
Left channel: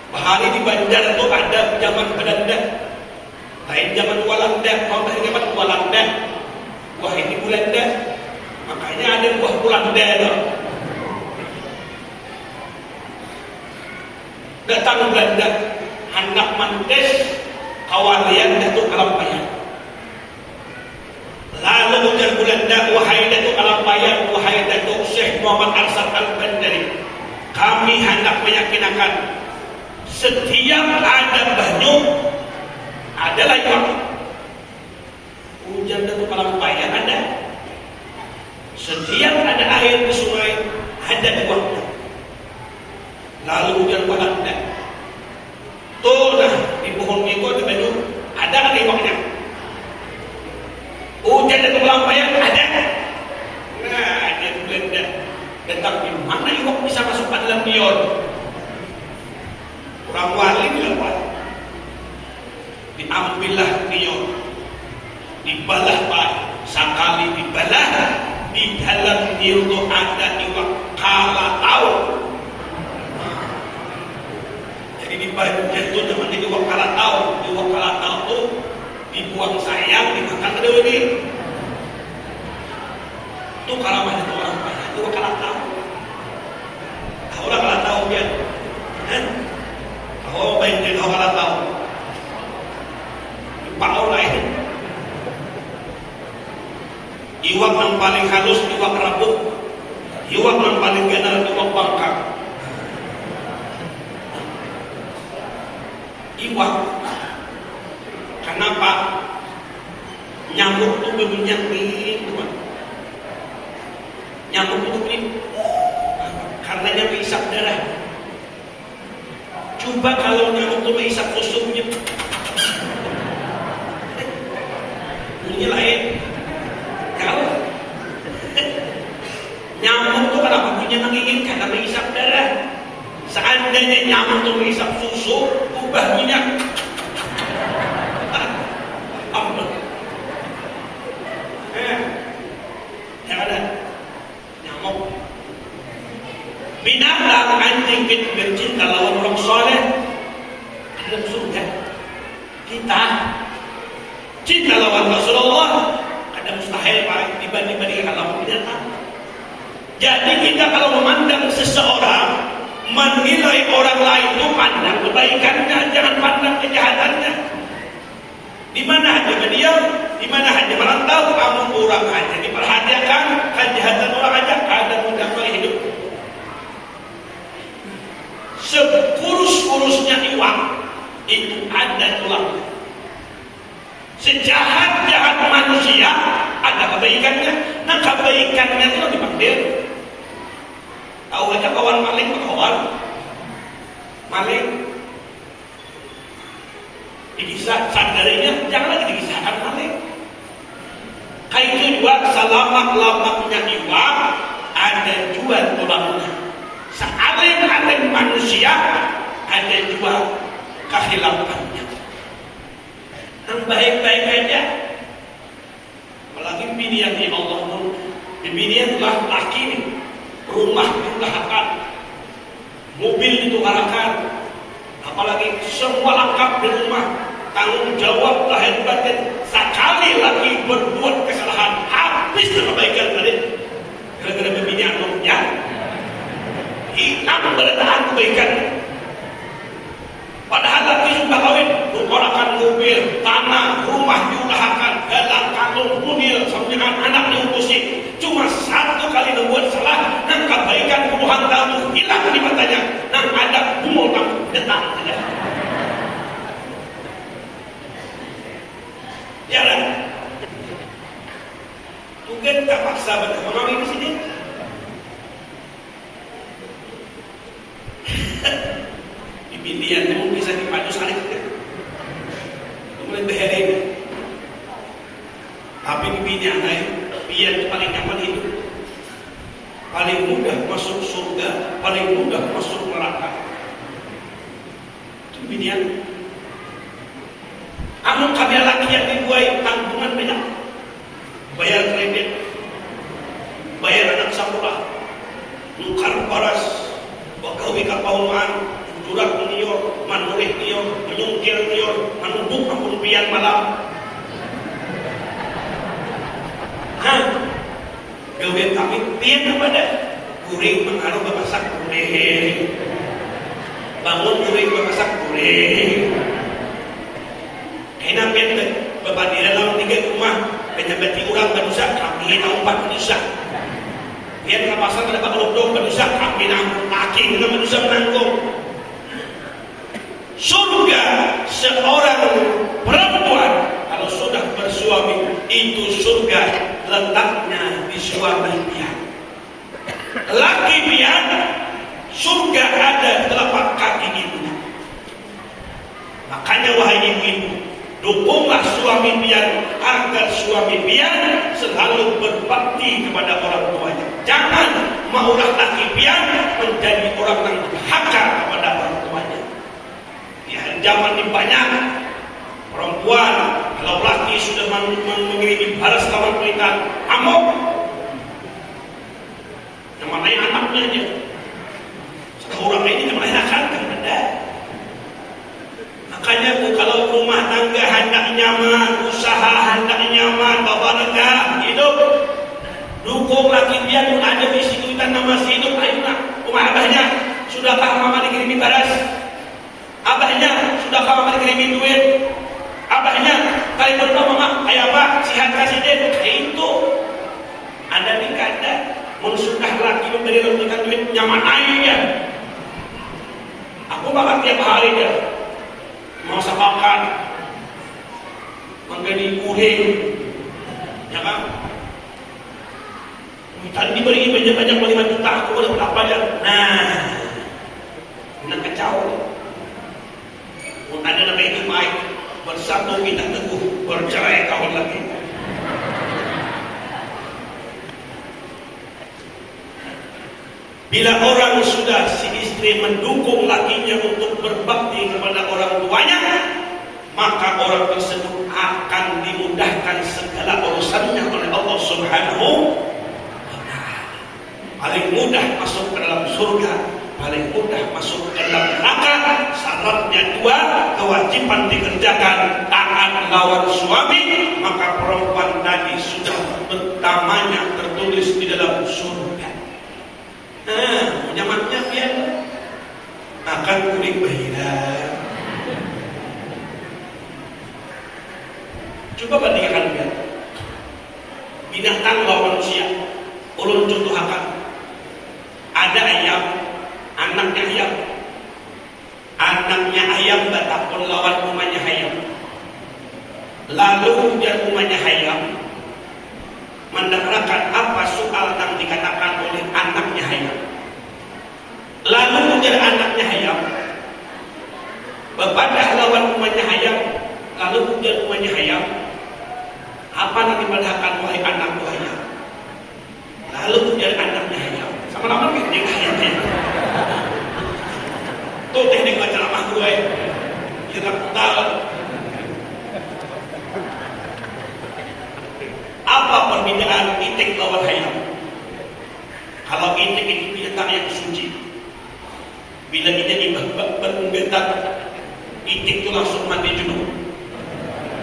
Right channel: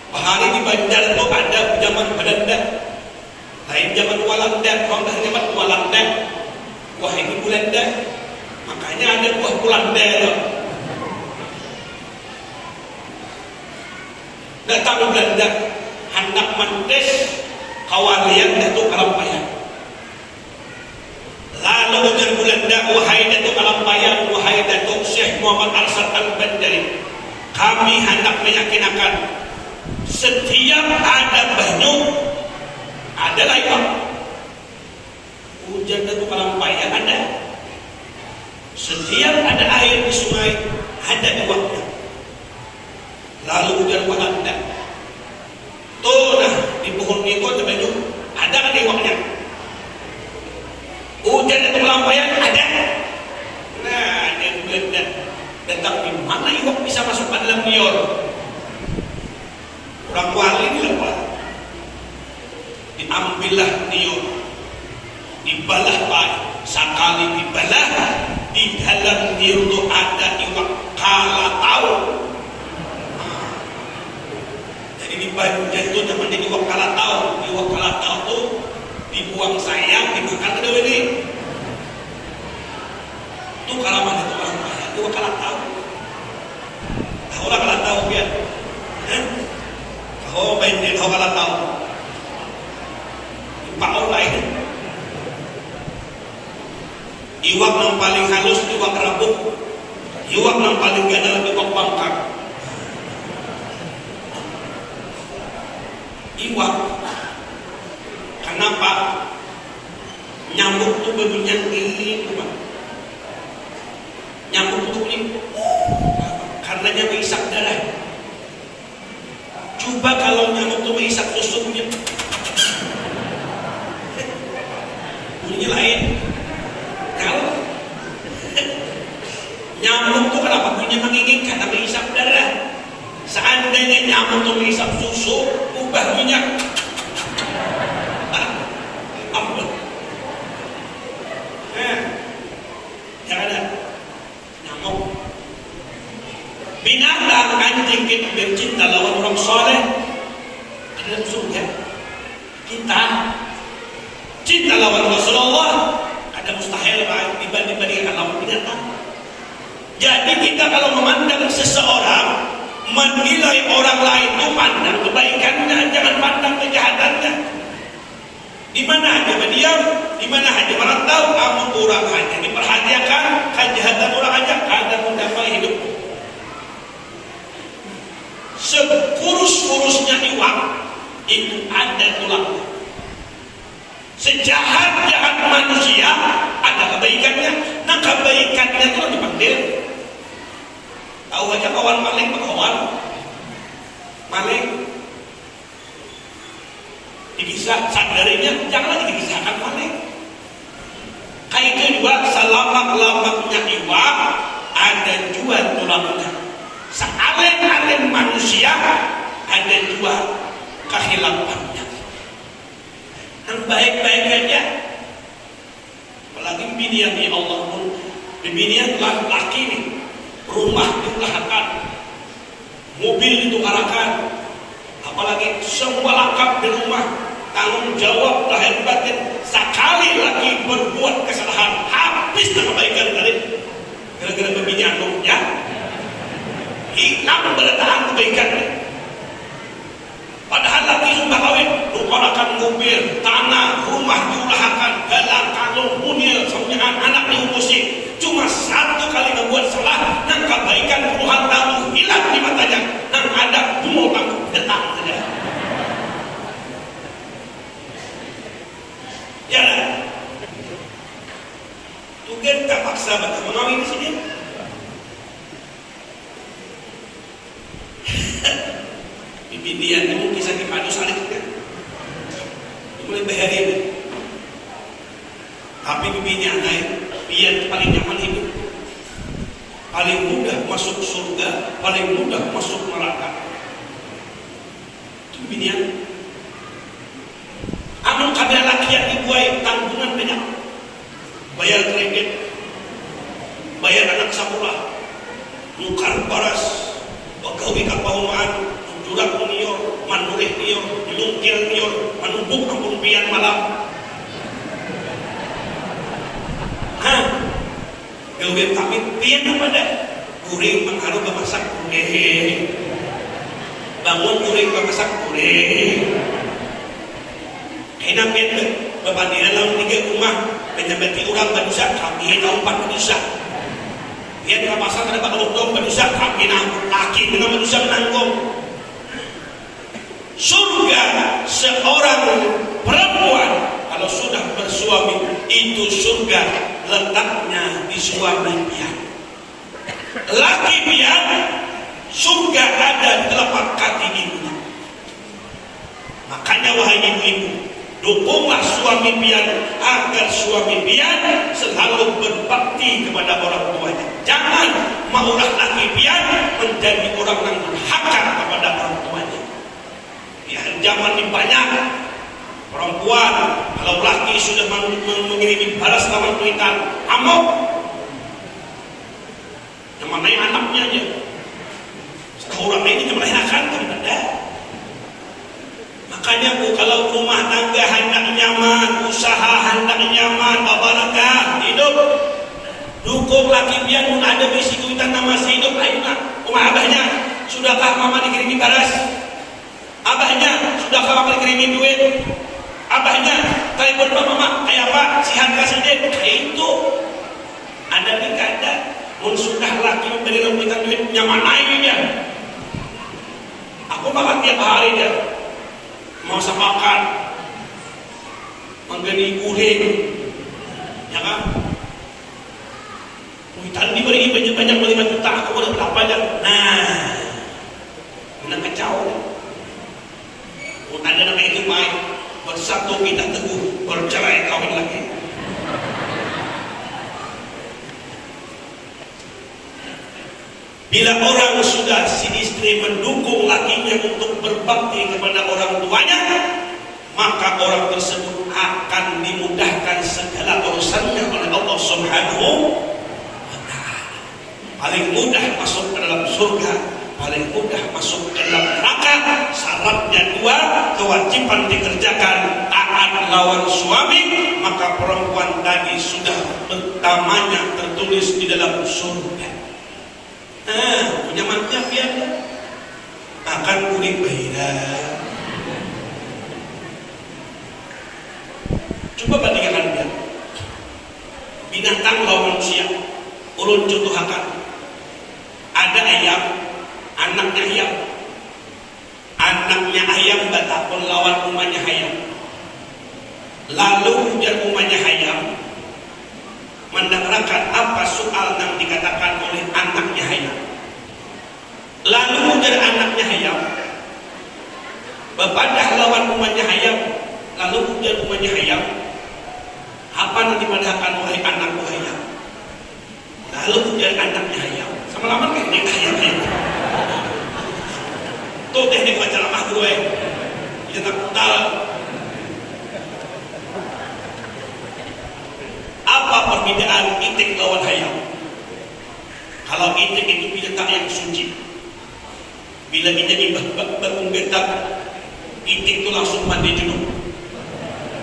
bahari di Bandar itu ada zaman Belanda, lain zaman Walanda, kalau dari zaman Walanda, wah ini Belanda, makanya ada buah Belanda itu. Datang Belanda, hendak mantes kawalian Datuk Kalampayan. Lalu ujar Belanda, wahai Datuk Kalampayan, wahai Datuk Syekh Muhammad Arsyad Al-Banjari, kami hendak meyakinkan setiap ada banyu ada lagi. Ujar Datuk Kalampayan ada. Setiap ada air di sungai ada di waktu. Lalu ujar Belanda, tuh nah di pohon itu ada banyu, ada kan iwaknya? Hujan dan kelampayan ada. Nah, ada Belanda. Tetapi mana iwak bisa masuk ke dalam liur? Orang wali lupa. Diambillah liur, dibalah pak, sekali dibalah di dalam liur itu ada iwak kala tahu. jatuh teman di iwak kalatau tuh dibuang sayang dimakan ke deui itu kalaman itu orang iwak kalatau orang kalatau ya kalau baik di iwak kalatau pau lain iwak yang paling halus iwak rabuk iwak yang paling gadal iwak bangkang iwak. Kenapa? Nyamuk itu berbunyi iwak. Nyamuk itu ini karena dia menghisap darah. Coba kalau nyamuk itu menghisap susunya, bunyi lain. Kalau nyamuk itu kenapa bunyi menggigit? Karena menghisap darah. Seandainya nyamuk itu menghisap susu, ubah minyak. Yang ada nyamuk. Binatang anjing itu bercinta lawan orang soleh dalam surga. Kita cinta lawan Rasulullah ada mustahil Pak dibandingkan lawan binatang. Jadi kita kalau memandang seseorang, menilai orang lain itu pandang kebaikannya, jangan pandang kejahatannya. Di mana hanya dia, di mana hanya merantau, namun orang hanya diperhatikan, kejahatan orang aja ada mendapat hidup. Sekurus-kurusnya iwak itu ada tulangnya. Sejahat-jahat manusia ada kebaikannya. Nah kebaikannya itu dipanggil. Tahu aja kawan maling kawan maling bisa sadarinya jangan lagi dikisahkan maling. Kayak itu juga selamak-lamaknya iwak ada juga tulangnya. Sealim-alim manusia ada juga kehilafannya. Yang baik-baik aja apalagi binian di Allah binian laki nih. Rumah diusahakan, mobil ditukarkan, apalagi semua lengkap di rumah, tanggung jawab lahir batin. Sekali lagi berbuat kesalahan, habis perbaikan tadi. Gara-gara bebini anaknya, hilang bertahan kebaikannya. Padahal lagi sudah kawin, tukarkan mobil, tanah, rumah diusahakan, galang, kalung, mobil, sampai anak diurusi. Cuma satu kali membuat salah, dan kebaikan puluhan tahun hilang di matanya. Dan ada bumbu tangguh datang saja. Jangan. Mungkin tak paksa betul mengawin di sini. Bibinian mungkin bisa dipadu saling. Mulai bahaya. Tapi bibinian lain. Biar paling nyaman hidup, paling mudah masuk surga, paling mudah masuk neraka. Itu binian. Anu kami laki yang dibuai tanggungan banyak, bayar kredit, bayar anak sekolah, nukar baras, bagawi kapahuman, jurak nior, manurih nior, ilungkir nior, manubuk ampun pian malam. Gawe kami pian pada kuring mengharu bemasak kuring, bangun kuring bemasak kuring. Kena pian berbanding dalam 3 rumah, penyebati orang berusaha kami tahun 4 berusaha. Pian bemasak tidak bakal untung berusaha kami nanggung laki dengan berusaha menanggung. Surga seorang perempuan kalau sudah bersuami itu surga letaknya di suami pian. Laki pian surga ada di telapak kaki ibunya. Makanya wahai ibu-ibu, dukunglah suami pian agar suami pian selalu berbakti kepada orang tuanya. Jangan maulah laki pian menjadi orang yang durhaka kepada orang tuanya. Ya, zaman ini banyak perempuan kalau laki sudah mengirim balas lawan kuitan amok yang mana anaknya aja orang ini melahirkan kan ada Sekali bernama kayak Pak Sihan Presiden kayak itu ada di kada sudah lagi dari memberikan duit nyaman aja. Aku makan tiap hari dah mau makan menggani kuring ya kan. Tadi diberi banyak 5 juta aku udah berapa dah. Nah kacau. Ada nama itu baik bersatu kita teguh bercerai kawan lagi. Bila orang sudah si istri mendukung lakinya untuk berbakti kepada orang tuanya, maka orang tersebut akan dimudahkan segala urusannya oleh Allah Subhanahu wa Ta'ala. Paling mudah masuk ke dalam surga, paling mudah masuk ke dalam neraka. Syaratnya 2, kewajiban dikerjakan, taat lawan suami, maka perempuan tadi sudah namanya tertulis di dalam surga. Nyamannya biar akan kuning beda. Coba bandingkan biar binatang lawan manusia. Ulun contohkan, ada ayam, anaknya ayam. Anaknya ayam batapun lawan umanya ayam. Lalu dan umanya ayam mendengarkan apa soal yang dikatakan oleh anaknya ayam. Lalu menjadi anaknya ayam bepadah lawan umanya ayam. Lalu menjadi umanya ayam, apa yang dipadahkan wahai anakku ayam. Lalu menjadi anaknya ayam, sama-sama kan dia ayamnya. Itu teknik masyarakat gue. Kita tahu apa perbedaan itik lawan ayam. Kalau itik itu binatang yang suci, bila ini berunggetak, itik itu langsung mandi junub,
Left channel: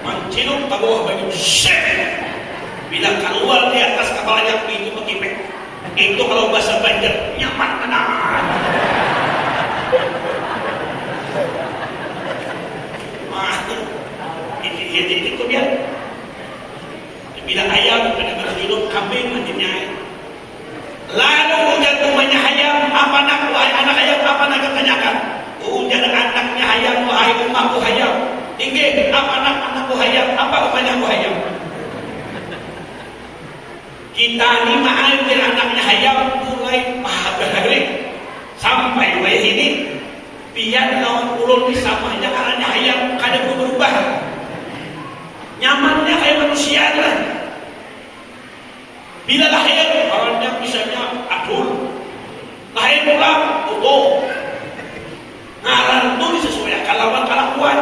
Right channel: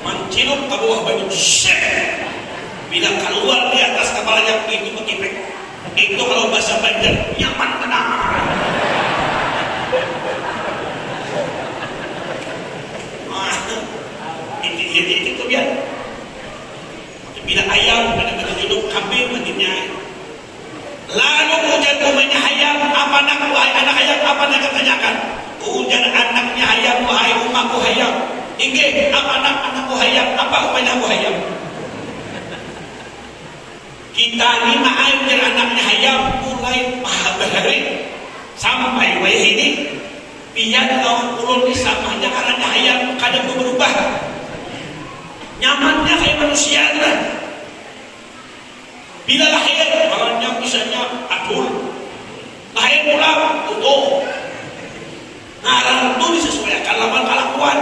mencilup ke bawah baju sek. Bila keluar di atas kepalanya itu mengipek. Itu kalau bahasa Banjar nyaman tenang. Itu dia. Bila ayam benar-benar hidup kambing mandinya. Lalu hujan rumahnya ayam, apa nak wahai anak ayam, apa nak ketanyakan? Hujan anaknya ayam, wahai umaku ayam. Inge, apa nak anakku ayam, apa umatku ayam? Kita ni mengajar anaknya ayam mulai paham sampai wahai ini. Biar orang ulun disamanya karena ayam kadang berubah. Nyamannya kayak manusia lah. Bila lahir, orangnya misalnya adul, lahir pulang, utuh. Nah, itu disesuaikan lawan kelakuan.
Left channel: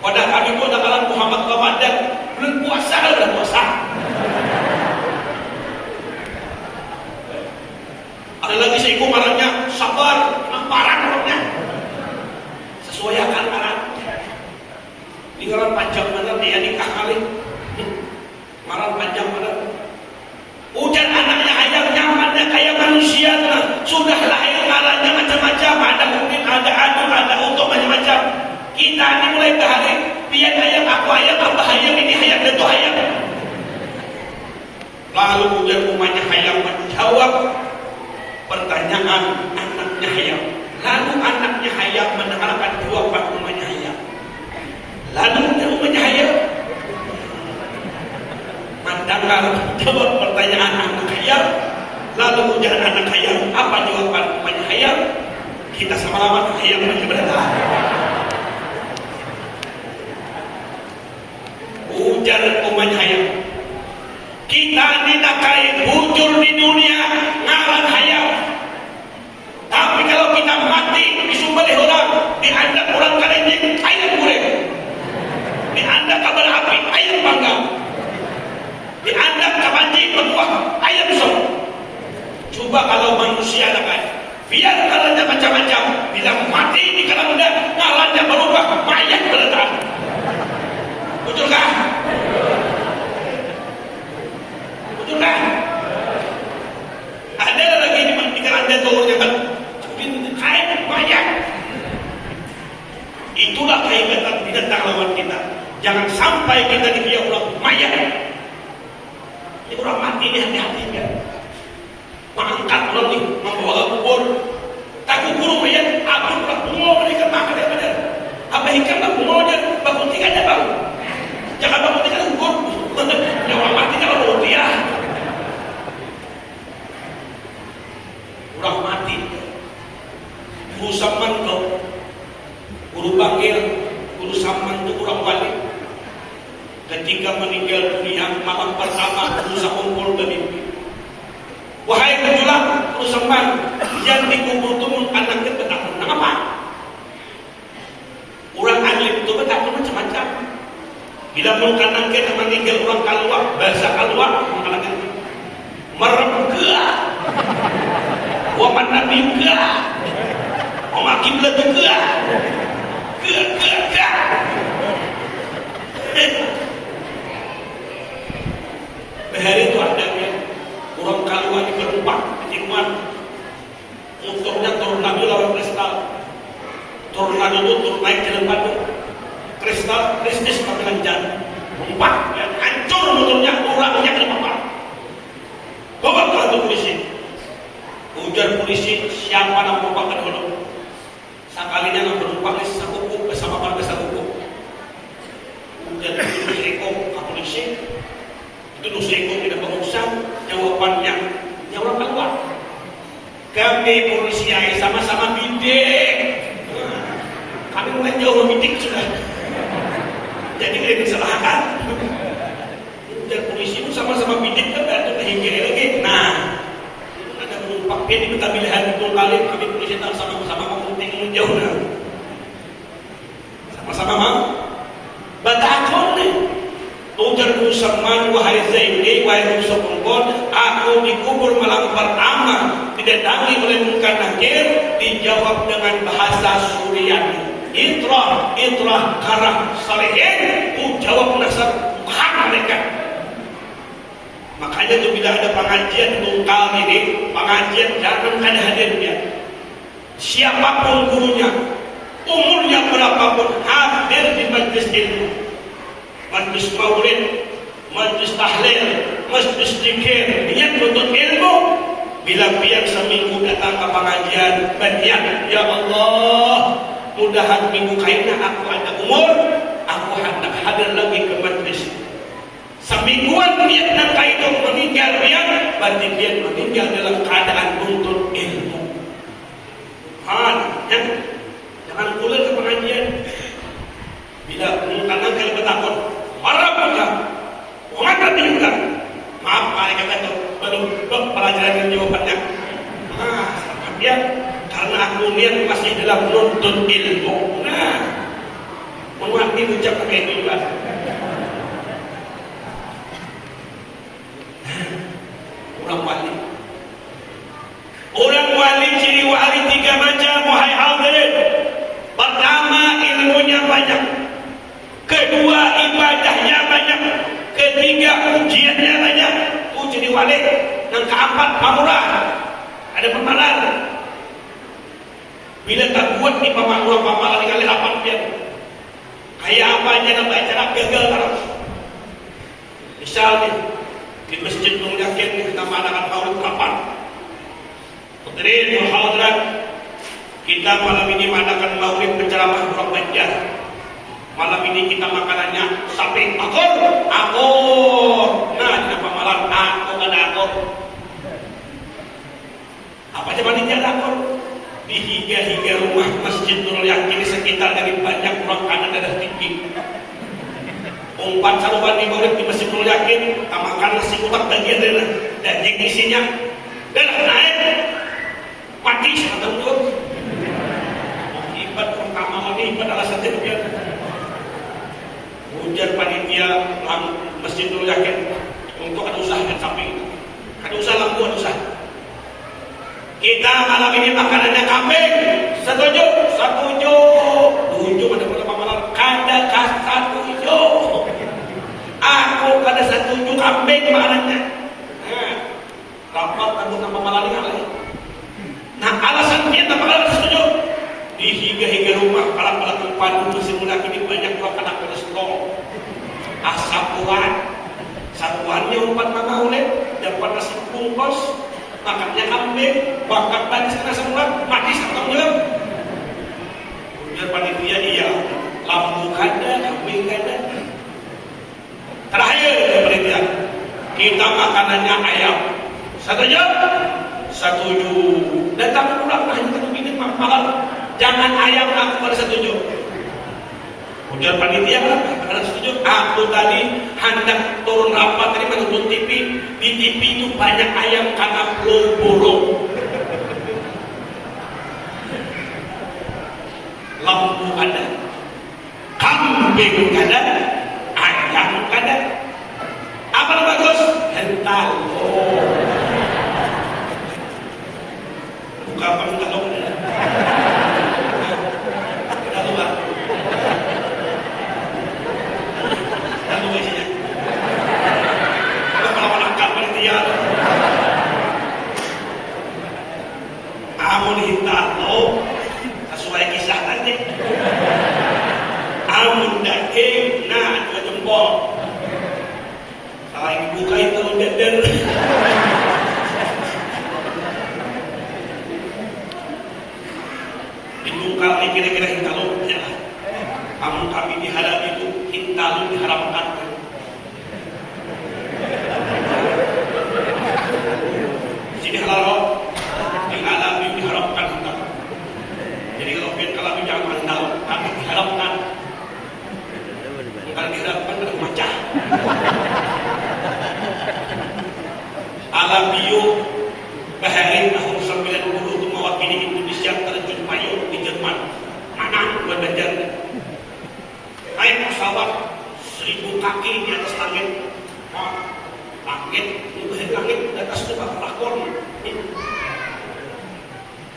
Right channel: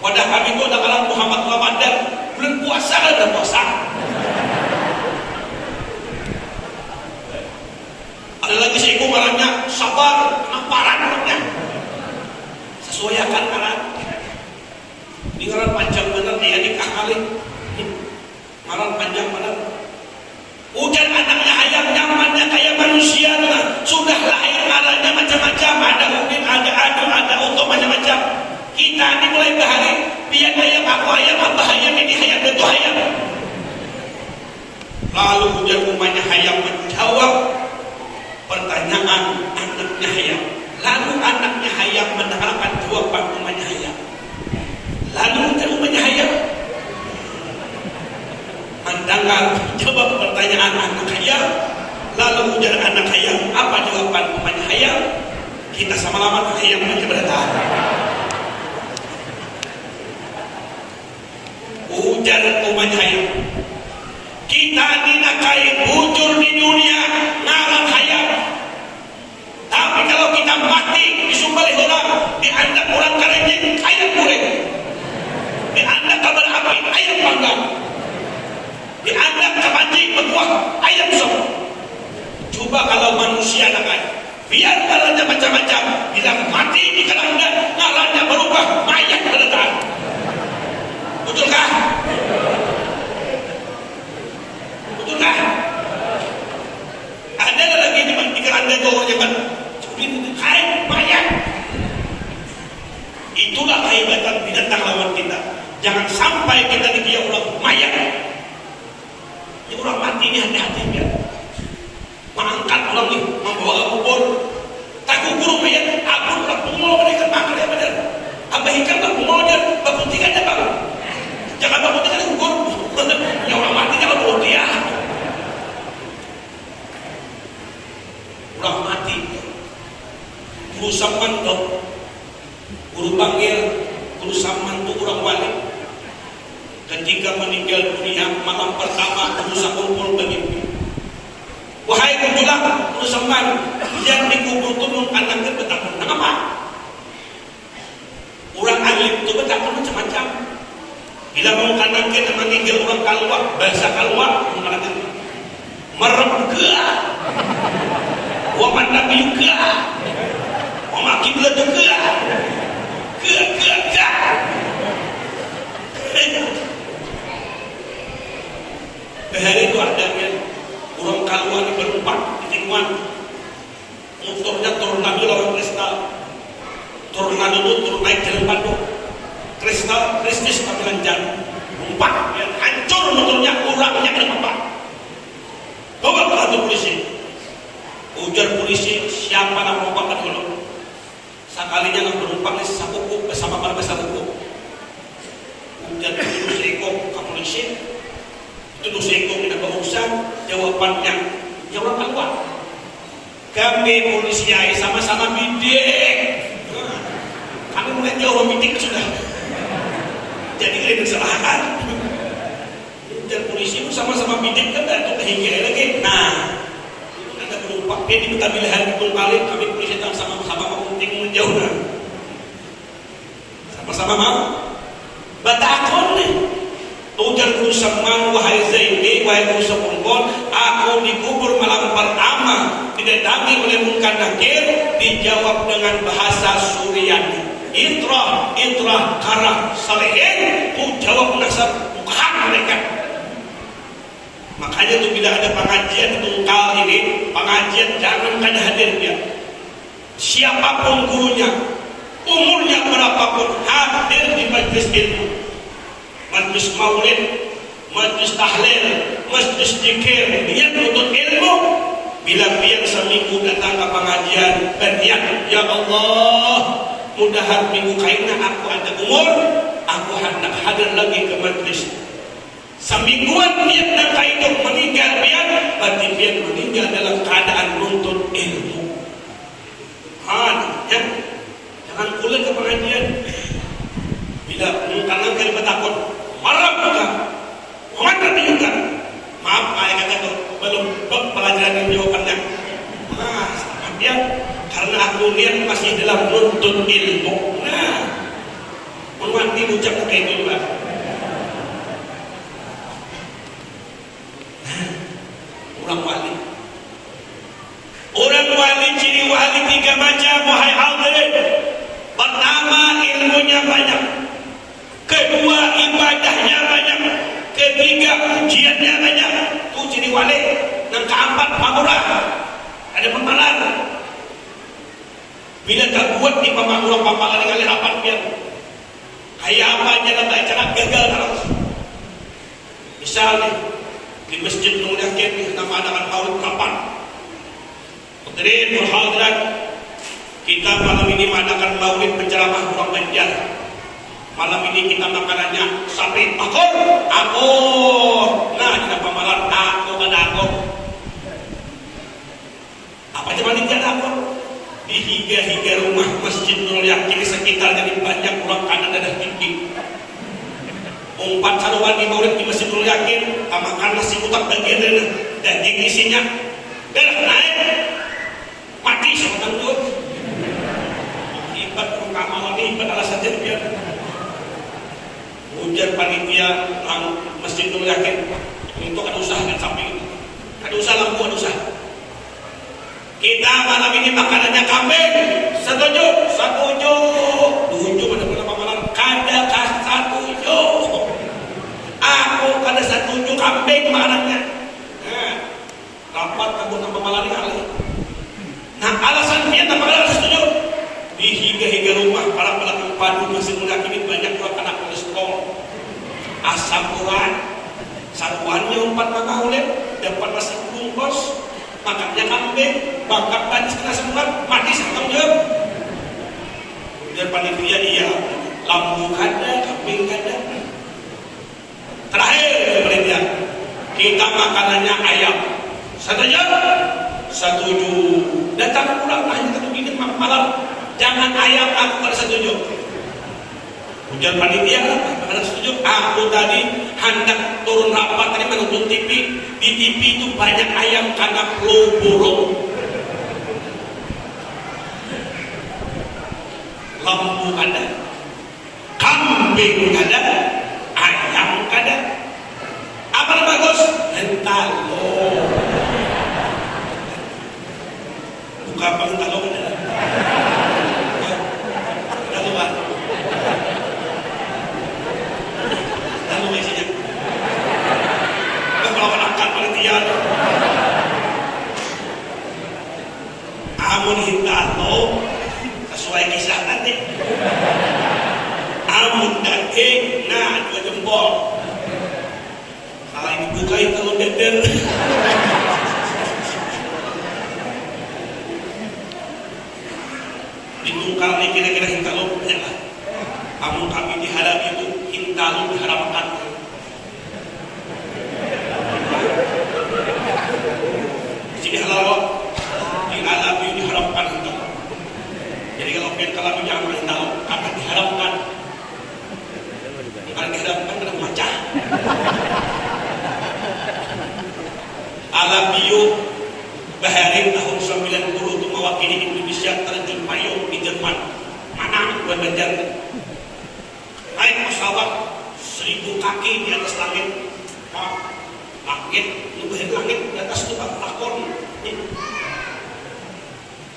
Pada kami itu ada kalam Muhammad Ramadan, belum puasa dan puasa. Ada lagi seiku malamnya sabar, parah orangnya. Sesuaikan parah. Di orang panjang benar dia nikah kali. Malam panjang benar. Hujan anaknya ayam nyamannya kayak manusia lah. Sudah lahir marahnya macam-macam. Ada mungkin ada adu, ada untuk macam-macam. Kita ini mulai bahari. Dia ayam, aku ayam, apa ayam, ini ayam, itu ayam. Lalu hujan rumahnya ayam menjawab pertanyaan anaknya ayam. Lalu anaknya ayam mendengarkan jawaban rumahnya ayam. Lalu hujan rumahnya ayam mendengar jawab pertanyaan anak ayam. Lalu ujar anak ayam, apa jawaban rumahnya ayam? Kita sama-sama ayam masih berada. Ujar rumahnya ayam, kita dinakai bujur di dunia ngaran ayam. Tapi kalau kita mati disumbari orang, dianggap orang kerenjing ayam murid, dianggap kabar api ayam panggang, dianggap kebanji berbuah ayam sok. Coba kalau manusia kan, biar ngarannya macam-macam, bila mati di keranda ngarannya berubah mayat berdarah. Betulkah? Betulkah? Ada lagi di keranda itu kan, hai mayat. Guru Saman tuh, guru panggil, guru Saman tuh kurang balik. Ketika meninggal dunia malam pertama berusaha kumpul bermimpi. Wahai penjulang, guru Saman yang dikubur turun anaknya bertakun. Kenapa? Orang alim itu bertakun macam-macam. Bila mau anaknya meninggal orang kalwa, bahasa kalwa mengatakan mereka, waman nabi juga, waman kiblat juga, ke. Hari itu adanya orang kalwa di berempat di tikungan motornya tornado lawan kristal, tornado itu turun naik jalan batu, kristal kristis mengancam empat, hancur motornya, orangnya kena empat. Bawa ke kantor polisi, ujar polisi siapa nama bapak dulu, sekalinya nak penumpang satu kuku bersama para besar kuku, ujar itu seekor ke polisi. Itu seekor tidak berurusan, jawabannya jawab keluar. Kami polisi sama-sama bidik. Kami menjauh bidik sudah. Jadi lebih salahkan. Dan polisi itu sama-sama bidik kan ada hingga lagi. Nah, ada penumpang ini kita pilihan betul kali kami polisi sama-sama penting menjauh. Sama-sama mau batakon nih. Ujar guru Saman, wahai Zaini, wahai guru Saman, aku dikubur malam pertama, didatangi oleh Munkar Nakir, dijawab dengan bahasa Suryani. Itra, karah, salihin, jawab nasar bukan mereka. Makanya itu bila ada pengajian di Tungkal ini, pengajian jangan ada hadir dia. Siapapun gurunya, umurnya berapapun, hadir di majlis ilmu. Majlis maulid, majlis tahlil, majlis zikir, niat menuntut ilmu. Bila biar seminggu datang ke pengajian, berniat, ya Allah, mudahan minggu kainnya aku ada umur, aku hendak hadir lagi ke majlis. Semingguan niat nak itu meninggal dia, berarti dia meninggal dalam keadaan menuntut ilmu. Jangan kulit ke pengajian. Bila karena kali bertakut. Marah bukan, mana juga. Maaf, saya kata itu belum pelajaran jawabannya. Nah, sama dia karena aku lihat masih dalam nuntut ilmu. Nah, umat ini ucap kayak itu juga. Orang wali ciri wali tiga macam, wahai hadirin. Pertama, ilmunya banyak. Kedua, ibadahnya banyak. Ketiga, ujiannya banyak. Itu jadi wali. Dan keempat, pamurah. Ada pemalar. Bila tak buat di pamalan kali apa dia? Kayak apa aja dalam acara gagal terus. Misalnya di Masjid Nur Yakin nama anak tahun kapan? Hadirin dan hadirat, kita malam ini mengadakan maulid penceramah Prof. Ganjar. Malam ini kita makanannya sate akur. Nah, dengan pemalar aku ada akur. Apa aja panitia akur? Di higa rumah Masjid Nurul Yakin di sekitar dari banyak orang kanan darah tinggi. Umpat saluran di maulid di Masjid Nurul Yakin, makan nasi kotak bagian dari daging isinya. Darah naik, mati sebentar tuh. Ibadah kamalan ini ibadah rasa jadian. Ujian panitia Masjid Nurul Yakin untuk ada usaha dan samping itu. Ada usaha lampu, ada usaha. Kita malam ini makanannya kambing. Setuju? Setuju. Setuju pada pamalan. Kada setuju. Aku kada setuju kambing makanannya. Rapat tentang pamalan ini. Nah, alasan kita makan setuju. Di higa rumah para pembantu Masjid Nurul Yakin ini banyak buat anak kolesterol. Sapuannya umpat makan ulet, dapat nasi bungkus, makannya kambing, bakar dan setengah sebulan, mati setengahnya. Dan panitia iya, lampu ada, kambing ada. Terakhir panitia, kita makanannya ayam. Setuju? Setuju. Datang pulang hanya satu ini malam. Jangan ayam aku pada setuju. Ujar panitia kan pada setuju. Aku tadi hendak turun rapat tadi menonton TV. Di TV itu banyak ayam karena flow borong. Lampu ada, kambing ada, ayam ada. Apa yang bagus? Hentalo. Buka apa hentalo ada? Ada tuh kan? Ada tuh isinya. Kalau angkat panitia, amun hentalo. Sesuai kisah nanti. Amun daging, nah 2 jempol. Kalau yang dibuka itu deder. Itu kalau kira-kira hintalun ya. Amun kami diharap itu hintalun diharapkan. Jadi halal diharapkan diharapkan hintalun. Jadi kalau jangan main tahu, akan diharapkan. Bukan diharapkan dengan baca. Alam bio Bahari tahun 90 itu mewakili Indonesia terjun payung di Jerman. Anak Banjar. Naik pesawat 1000 kaki di atas langit. Langit, langit di atas itu lakon.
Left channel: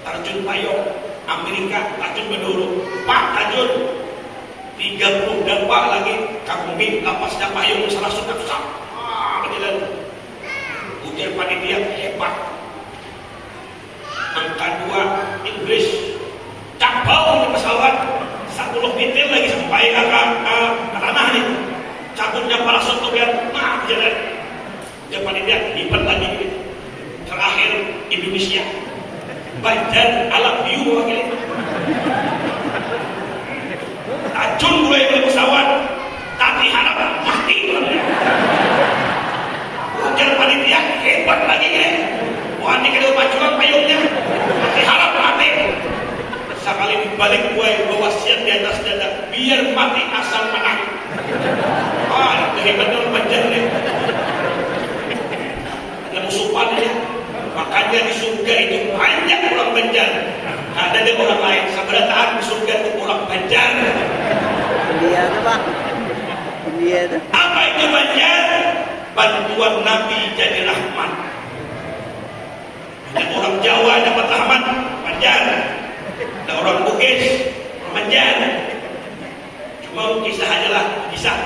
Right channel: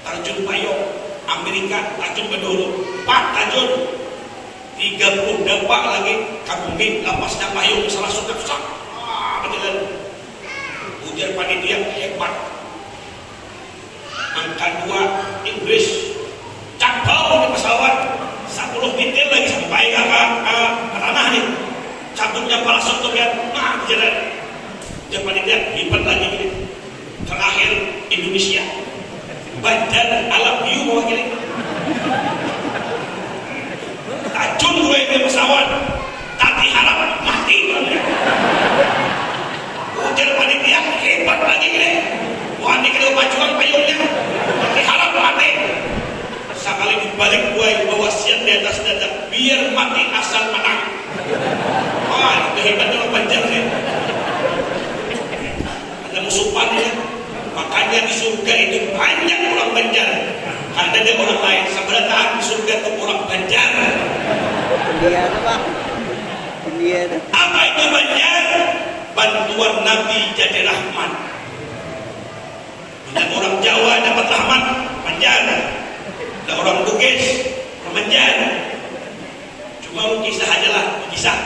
Terjun payung. Amerika tajun ke dulu Pak tajun 30 dampak lagi kabumi lapas dan payung salah suka berjalan hujan panitia hebat. Angka 2 Inggris cabau di pesawat 10 meter lagi sampai ke tanah nih cabutnya parasut yang jalan hujan panitia hebat lagi gitu. Terakhir Indonesia Banjar alam biu mewakili tajun gue ke pesawat tapi harap mati ujar panitia hebat lagi nih wah ini kalau pacuan payungnya tapi harap mati sekali dibalik gue wasiat di atas dada biar mati asal menang. Wah itu hebatnya orang Banjar nih ada musuhannya. Makanya di surga itu banyak orang Banjar. Ada di orang lain. Sebenarnya di surga itu orang Banjar. Iya tuh Pak. Iya tuh. Apa itu Banjar? Bantuan Nabi jadi rahmat. Ada orang Jawa dapat rahmat Banjar. Ada orang Bugis orang Banjar. Cuma kisah adalah kisah.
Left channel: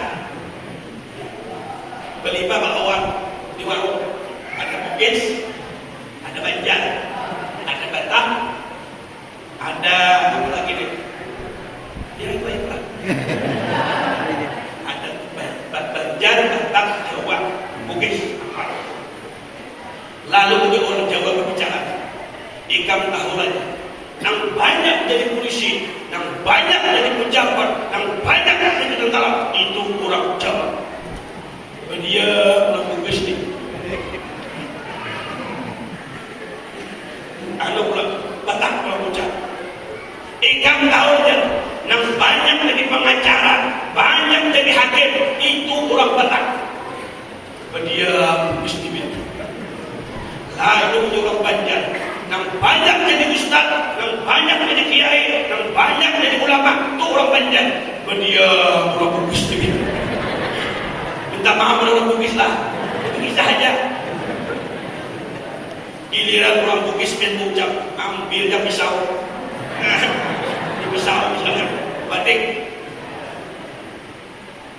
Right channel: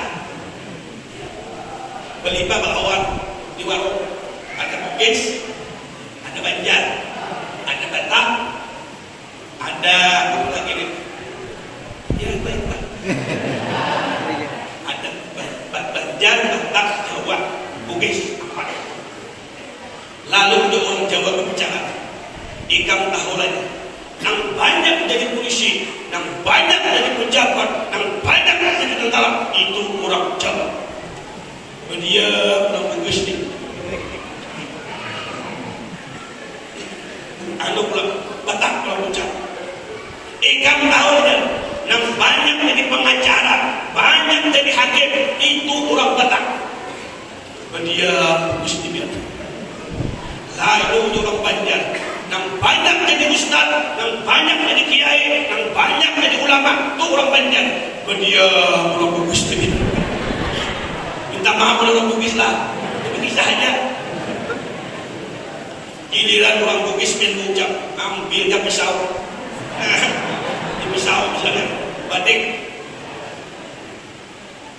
Beli bakawan di warung. Ada Bugis. Ada Banjar, ada Batak, ada apa lagi nih? Ya baik. Ada Banjar, Batak, Jawa, Bugis. Lalu untuk orang Jawa berbicara, ikam tahu lagi, yang banyak jadi polisi, yang banyak jadi pejabat, yang banyak jadi tentara itu orang Jawa. Dia orang Bugis nih. Anu Batak kalau ucap ikan tahu dan yang banyak jadi pengacara banyak jadi hakim itu orang Batak dia bagus dibilang lalu orang Banjar yang banyak jadi ustaz yang banyak jadi kiai yang banyak jadi ulama itu orang Banjar dia orang bagus dibilang minta maaf orang Bugis lah begitu saja. Giliran orang Bugis mengucap ambil dia pisau di pisau misalnya batik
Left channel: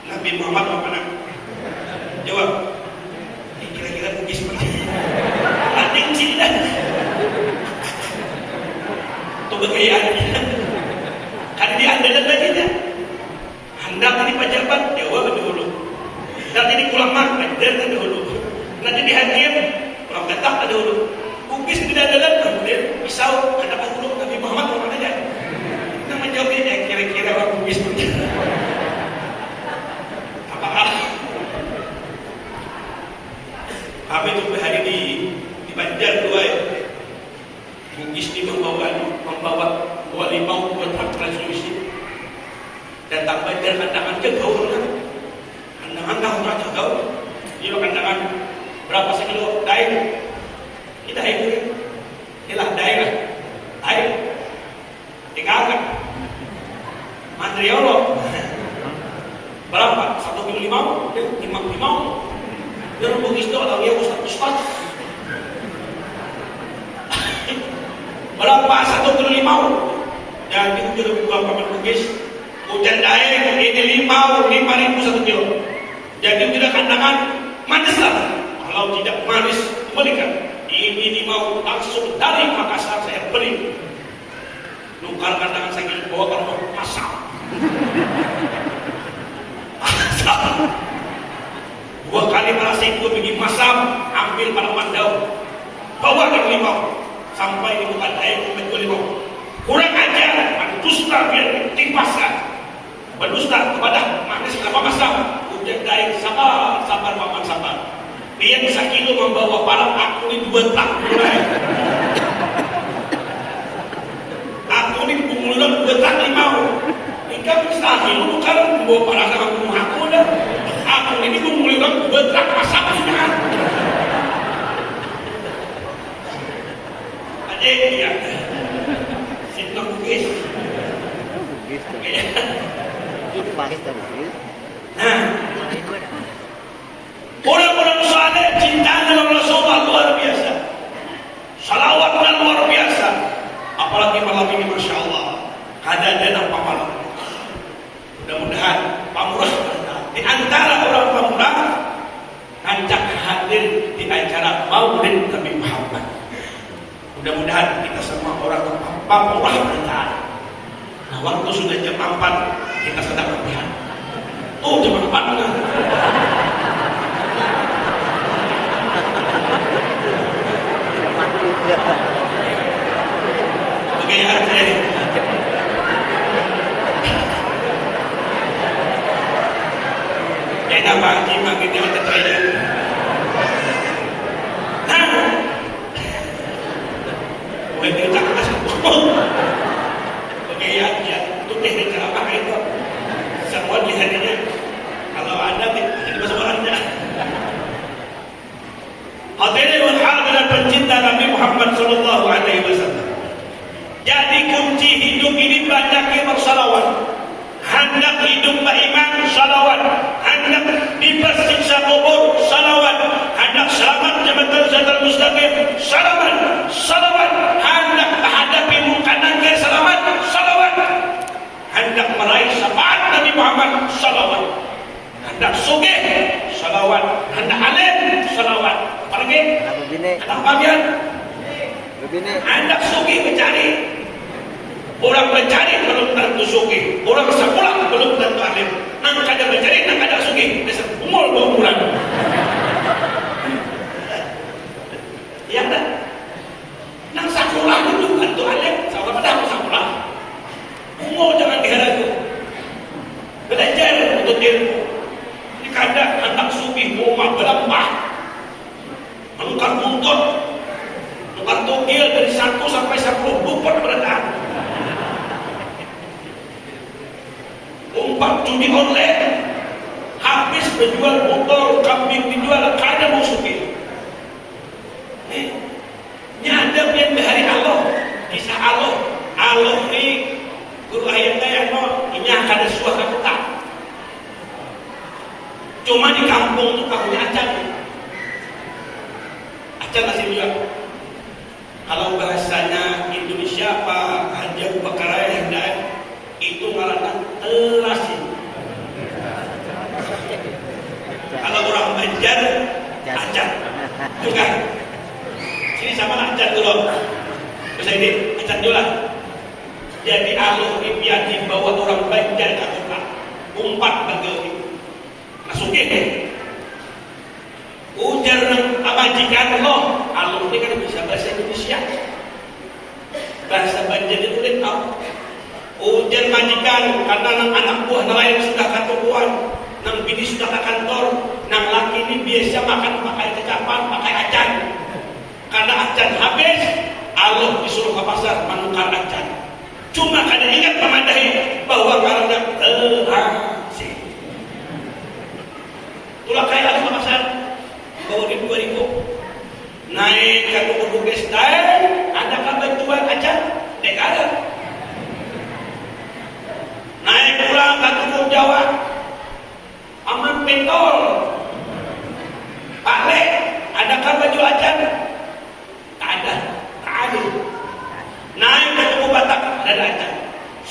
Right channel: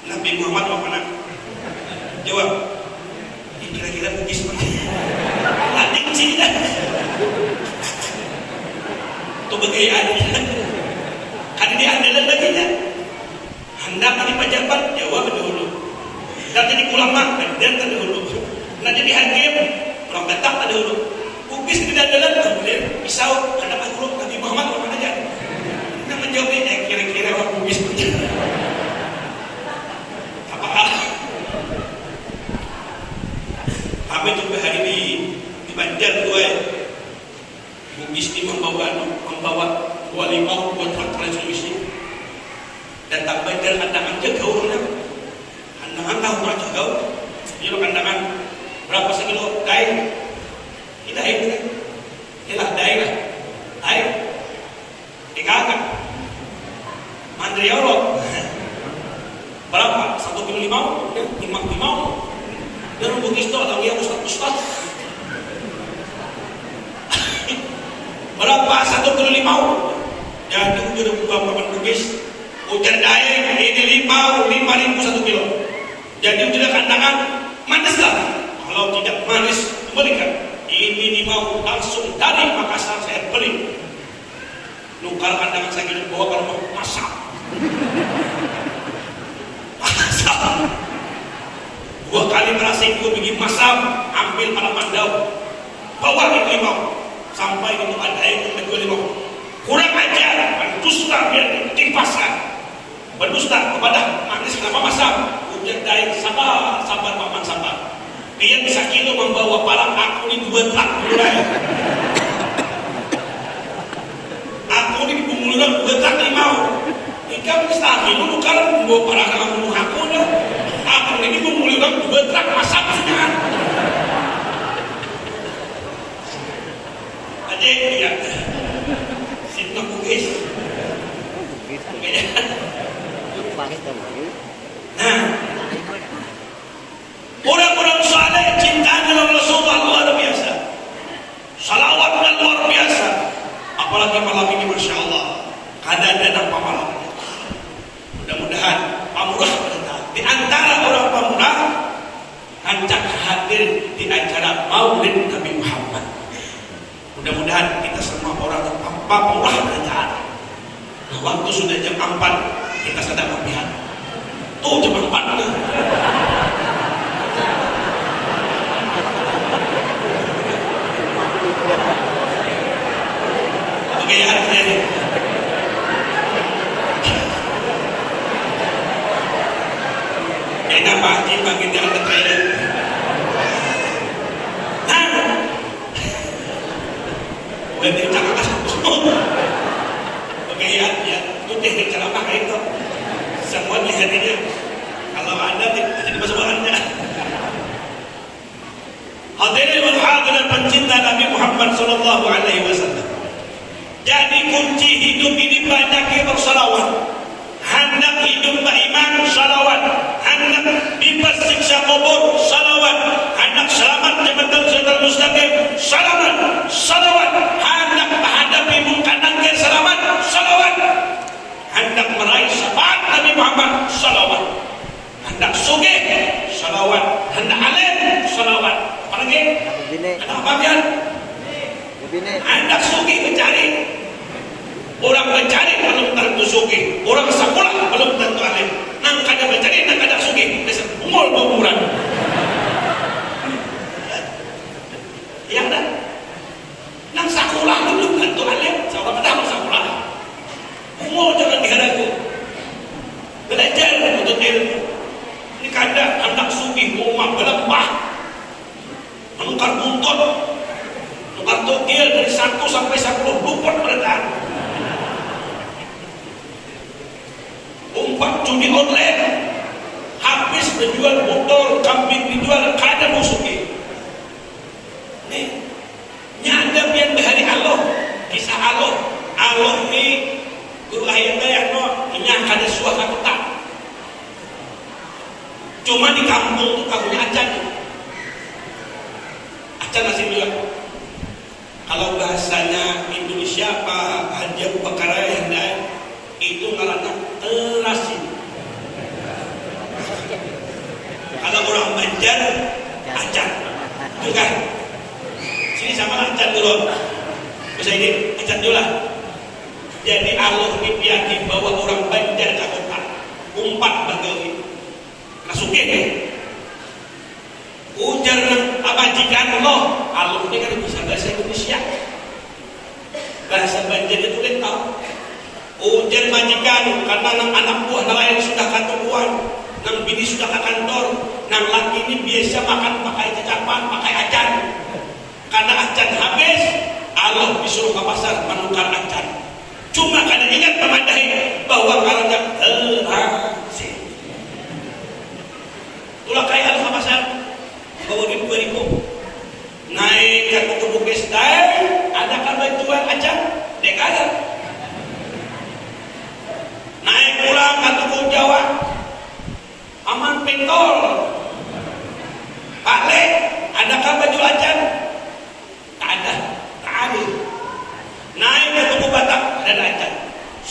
Nabi Muhammad mana jawab kira-kira Bugis mana batik sini dah itu kekayaan karena dia ada lagi ya hendak ini pacarkan jawab dulu nanti ini ulama dan dulu nanti di hakim orang Batak dulu Bugis tidak ada kemudian pisau anak guru Nabi Muhammad mana aja kita menjawabnya kira-kira orang Bugis apakah kami juga hari ini di Banjar dua ya Bugis ini membawa 25 kontrak transmisi dan tambah jalan kandangan ke gaul kandangan tahu macam gaul dia kandangan berapa sekilo daing kita ini inilah daing dikatakan Andriolo berapa 1,5 kilo 5 dia bugis tu atau dia ustaz berapa 1,5 kilo jadi udah buka paman bugis ujar daing ini 5.000 1 kilo jadi tidak kandangan manis lah kalau tidak manis kembalikan ini mau langsung dari Makassar saya beli nukar kandangan saya akan bawa kalau mau masak dua kali merasa itu pergi masak ambil halaman daun bawa ke limau sampai itu ada yang ke limau kurang ajar berdusta biar dipaskan berdusta kepada manis sama masak ujar daing sabar paman sabar dia bisa kilo membawa parang aku ini 2 tak aku ini pemuluran 2 tak 5 ikan bisa kilo kalau membawa parang aku dah aku ini pemuluran 2 tak masak sudah ada dia simpan bugis nah orang-orang saleh cintanya Rasulullah luar biasa salawatnya luar biasa apalagi malam ini Masya Allah ada dan malam mudah-mudahan pamurah di antara orang pamurah ngajak hadir di acara Maulid Nabi Muhammad mudah-mudahan kita semua orang pamurah kita nah waktu sudah jam 4 kita sedang latihan jam 4 Oke, harusnya enak Pak Haji makin yang terkait lebih cakap oke ya itu teknik cara pakai itu semua lihatnya kalau anda tidak masuk orangnya hadirin hadirat pencinta Nabi Muhammad sallallahu alaihi wasallam jadi kunci hidup ini banyak yang bersalawat hendak hidup beriman salawat hendak bebas siksa kubur salawat hendak selamat jabatan siratal mustaqim salawat hendak menghadapi munkar nakir selamat salawat hendak meraih syafaat Nabi Muhammad salawat hendak sugih salawat hendak alim salawat apalagi hendak bagian hendak sugih mencari orang mencari belum tentu sugih orang sekolah belum tentu alim nang kada mencari nang kada sugih umur umuran ya ada nang sekolah belum tentu alim seorang pada sekolah umur jangan diharagu belajar untuk ilmu ini kada anak sugih rumah berapa menukar buntut menukar togel dari 1 sampai 10 bukan berenang umpak judi online habis menjual motor kambing dijual kada musuhi nih nyanda yang dari Allah kisah Allah ini guru ayatnya yang mau ini kada suara tak cuma di kampung tuh kamunya acan masih bilang kalau bahasanya Indonesia Pak Haji Abu Bakar yang itu ngaranna terasi kalau orang Banjar acan bukan sini sama acan dulu bisa ini kita dulu lah jadi Allah ini biar dibawa orang Banjar cakupan umpat bagawi masuk ini ujar abajikan Allah ini kan bisa bahasa Indonesia bahasa Banjar itu kan tahu ujar majikan karena anak buah nelayan sudah ketemuan nang bini sudah ke kantor nang laki ini biasa makan pakai cacapan pakai acan karena acan habis Allah disuruh ke pasar menukar acan cuma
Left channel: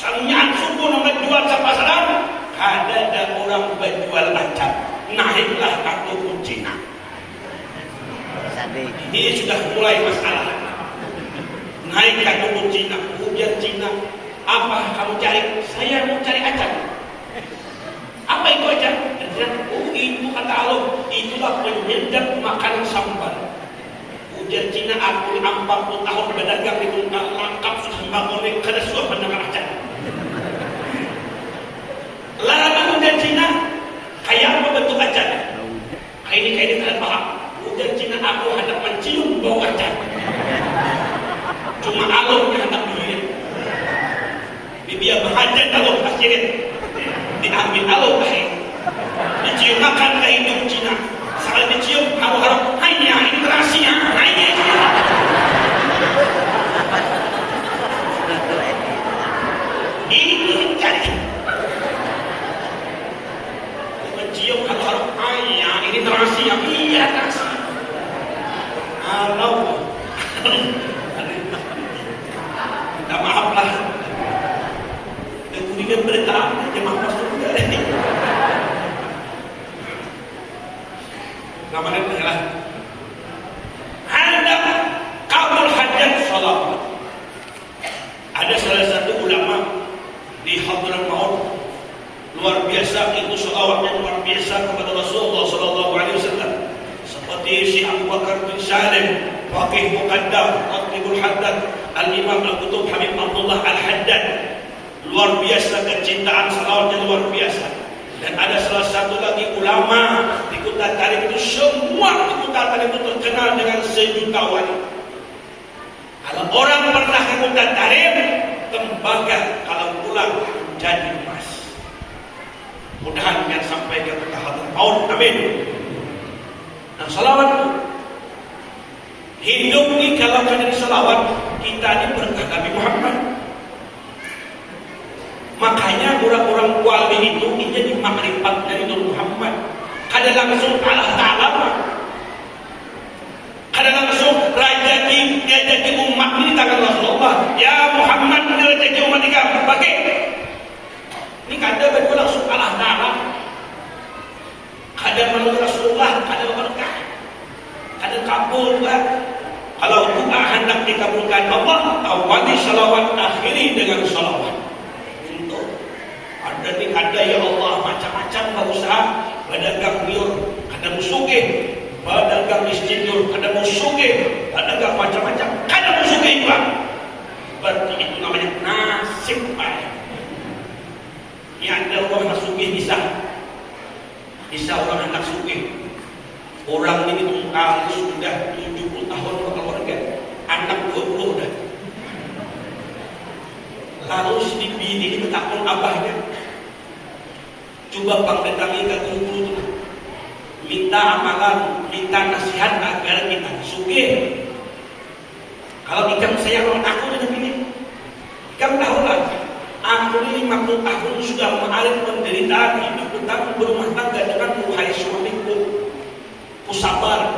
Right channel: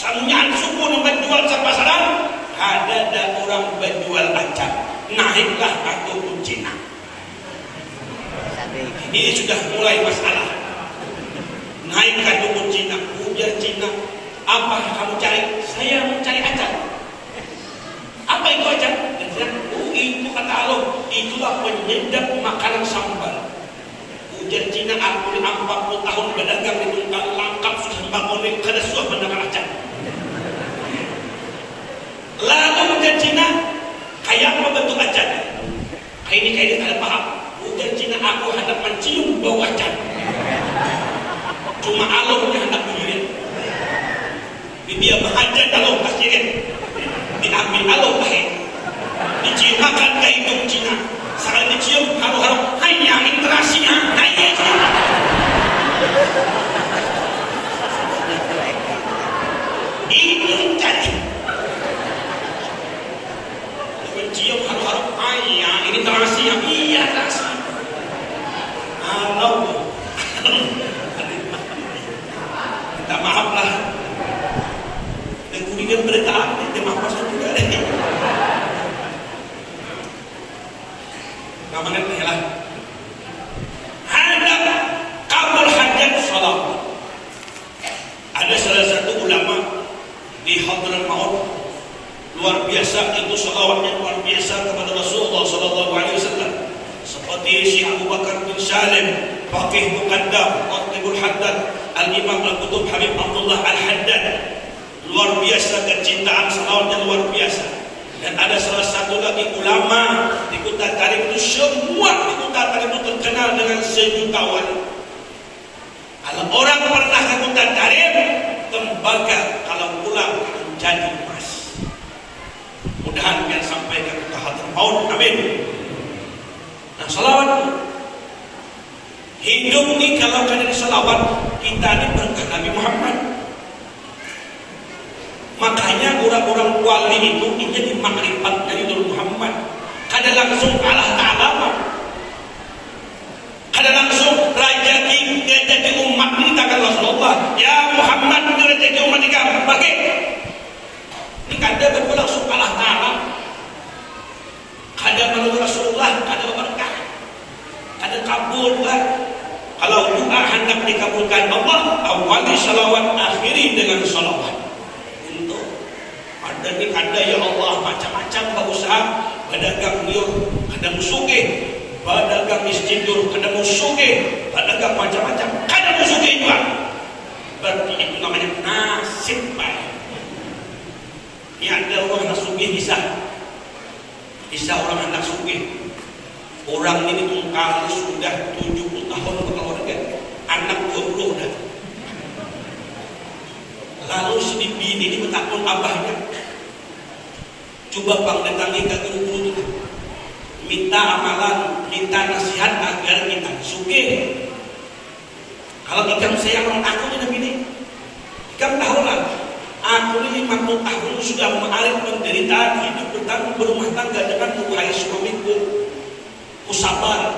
Sangunya suku nomor jual sa pasaran, ada orang berjual acar. Naiklah aku ke Cina. Ini sudah mulai masalah. Naik aku ke Cina, ujar Cina. Apa kamu cari? Saya mau cari acar. Apa itu acar? Oh itu kata Allah, itulah penyedap makanan sambal. Ujar Cina, aku 40 tahun berdagang itu lengkap sudah sembako ini kada suah mendapat acar. Lalu ujar Cina, kayak apa bentuk acar? Kayak ini kada paham. Ujar Cina, aku hendak mencium bau acar. Cuma Allah yang hendak mencium. Biar mengajar kalau kasirin diambil Allah baik. Dicium makan kayak hidup Cina. Sekali dicium kamu harap hanya interaksinya hanya itu cari. Mencium kamu harap hanya interaksinya iya interaksi. Allah. Minta maaf lah. Dia berita dia mampu juga deh. Kemarin adalah ada kabul hajat salat. Ada salah satu ulama di Hadramaut Maut luar biasa, itu salawatnya luar biasa kepada Rasulullah sallallahu alaihi wasallam. Seperti Syekh Abu Bakar bin Salim, faqih muqaddam, Qatibul Haddad, Al-Imam Al-Qutub Habib Abdullah Al-Haddad. Luar biasa kecintaan salawatnya luar biasa. Dan ada salah satu lagi ulama di Kuta Tarim itu, semua di Kuta Tarim itu terkenal dengan sejuta wali. Kalau orang pernah ke Kuta Tarim, tembaga kalau pulang menjadi emas. Mudah-mudahan yang sampai ke Hadramaut, amin. Nah salawat hidup ini kalau jadi salawat kita ini berkah Nabi Muhammad. Makanya orang-orang wali itu menjadi makrifat dari Nabi Muhammad. Kada langsung Allah Ta'ala, kada langsung rezeki umat ini tangan Rasulullah. Ya Muhammad, ini rezeki umat ini bagi. Ini kada betul langsung Allah Ta'ala. Kada menurut Rasulullah, kada berkah, kada kabul kan. Kalau doa hendak dikabulkan Allah, awali salawat, akhiri dengan salawat. Ada ya Allah macam-macam berusaha berdagang liur, ada musuhnya, berdagang misjidul, ada musuhnya, berdagang macam-macam, ada musuhnya juga. Berarti itu namanya nasib baik. Ya ada orang nasibnya bisa orang anak sugih. Orang ini kalau sudah 70 tahun berkeluarga, anak 20 dah. Lalu si bini ini bertakun abahnya. Coba pangdatangi ke guru, minta amalan, minta nasihat agar kita sugih. Kalau ikan saya orang aku dengan ini, ikan tahulah, aku ini 50 tahun sudah mengalami penderitaan hidup bertanggung berumah tangga dengan wahai suamiku. Usabar,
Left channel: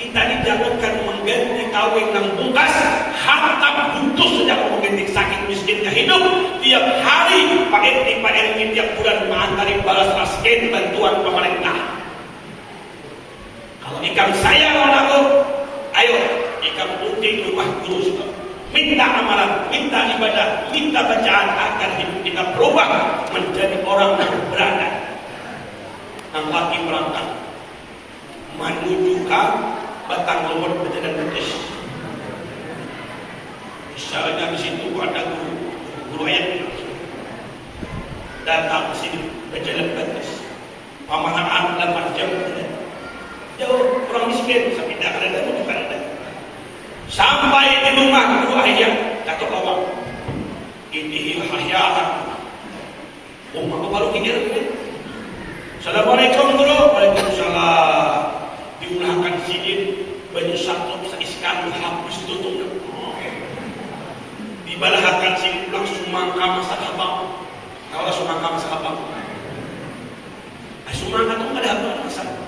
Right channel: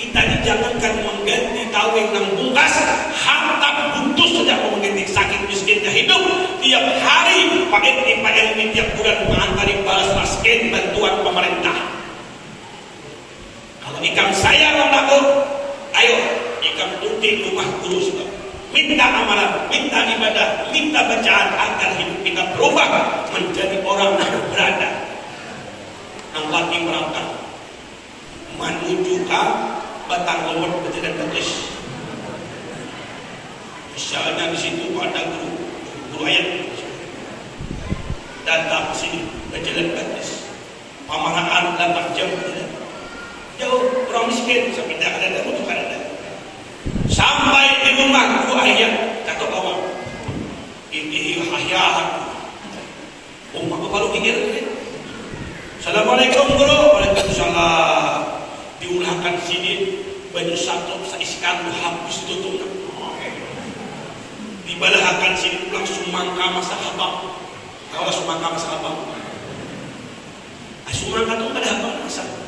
kita dijangankan mengganti kawin yang bungkas, harta butuh saja mengganti sakit miskinnya hidup. Tiap hari Pak RT tiap bulan mengantari balas raskin bantuan pemerintah. Kalau ikam saya mau dapur, ayo ikam tuntik rumah guru juga. Minta amalan, minta ibadah, minta bacaan agar hidup kita berubah menjadi orang yang berada. Nampak di perantau menuju ke batang lemur berjalan betis. Misalnya di situ ada guru ayat datang ke sini berjalan betis. Pamaraan 8 jam berjalan. Jauh orang miskin sampai dah ada juga ada. Sampai di rumah guru ayat kata bawa ini hayat. Umma kalau gini. Assalamualaikum guru. Waalaikumsalam. Diulahkan sini baju satu seiskan habis tutup. Dibalahkan sini langsung mangka masalah bang. Kalau semangka masalah bang. Semangka itu ada apa masalah?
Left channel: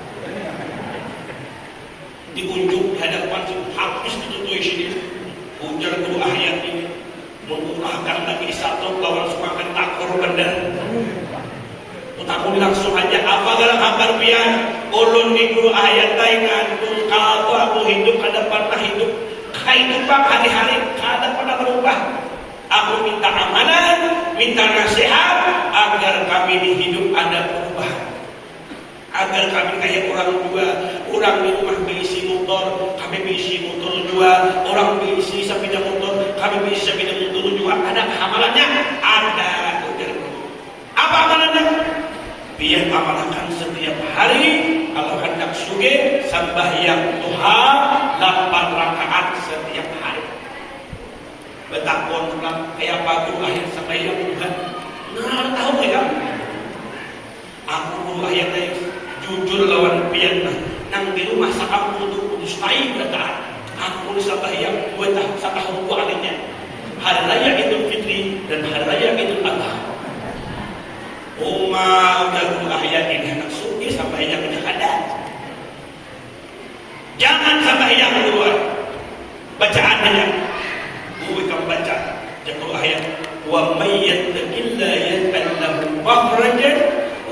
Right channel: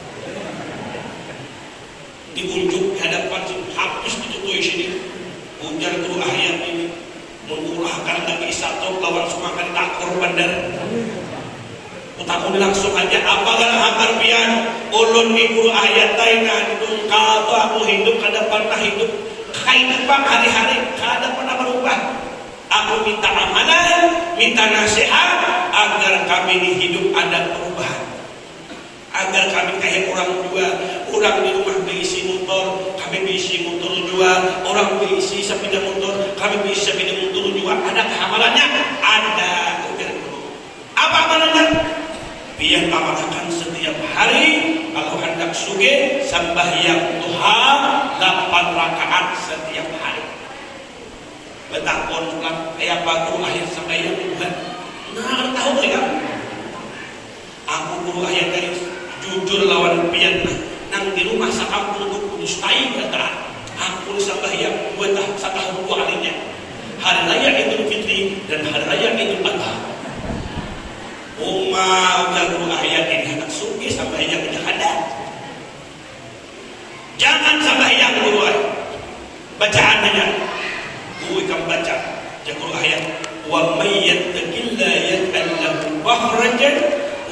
Diunjuk di hadapan sini habis ditutup sini. Ujar guru ayat ini. Mengulahkan Nabi Isa atau lawan semangka aku bener. Aku langsung aja apa dalam akar pian ulun di guru ayat taikan kalau aku hidup kada pernah hidup kehidupan hari-hari kada pernah berubah. Aku minta amanah, minta nasihat agar kami di hidup ada perubahan, agar kami kayak orang dua, orang di rumah berisi motor, kami berisi motor dua, orang berisi sepeda motor, kami berisi sepeda motor dua. Ada amalannya? Ada. Apa amalannya? Biar amalkan setiap hari kalau hendak suge sembahyang duha 8 rakaat setiap hari. Betapun kayak apa doa yang sembahyang duha? Nah, tahu ya? Aku doa yang tadi jujur lawan pian nang di rumah sakam untuk kudus lain kata aku sembahyang 2 tahun setahun dua adanya. Hari raya Idul Fitri dan hari raya Idul Adha. Umat yang ayat yang hendak suki sampai yang ada. Jangan sampai yang keluar. Bacaannya, gue akan baca. Jangan ayat. Wa may yattaqilla yaj'al lahu makhrajan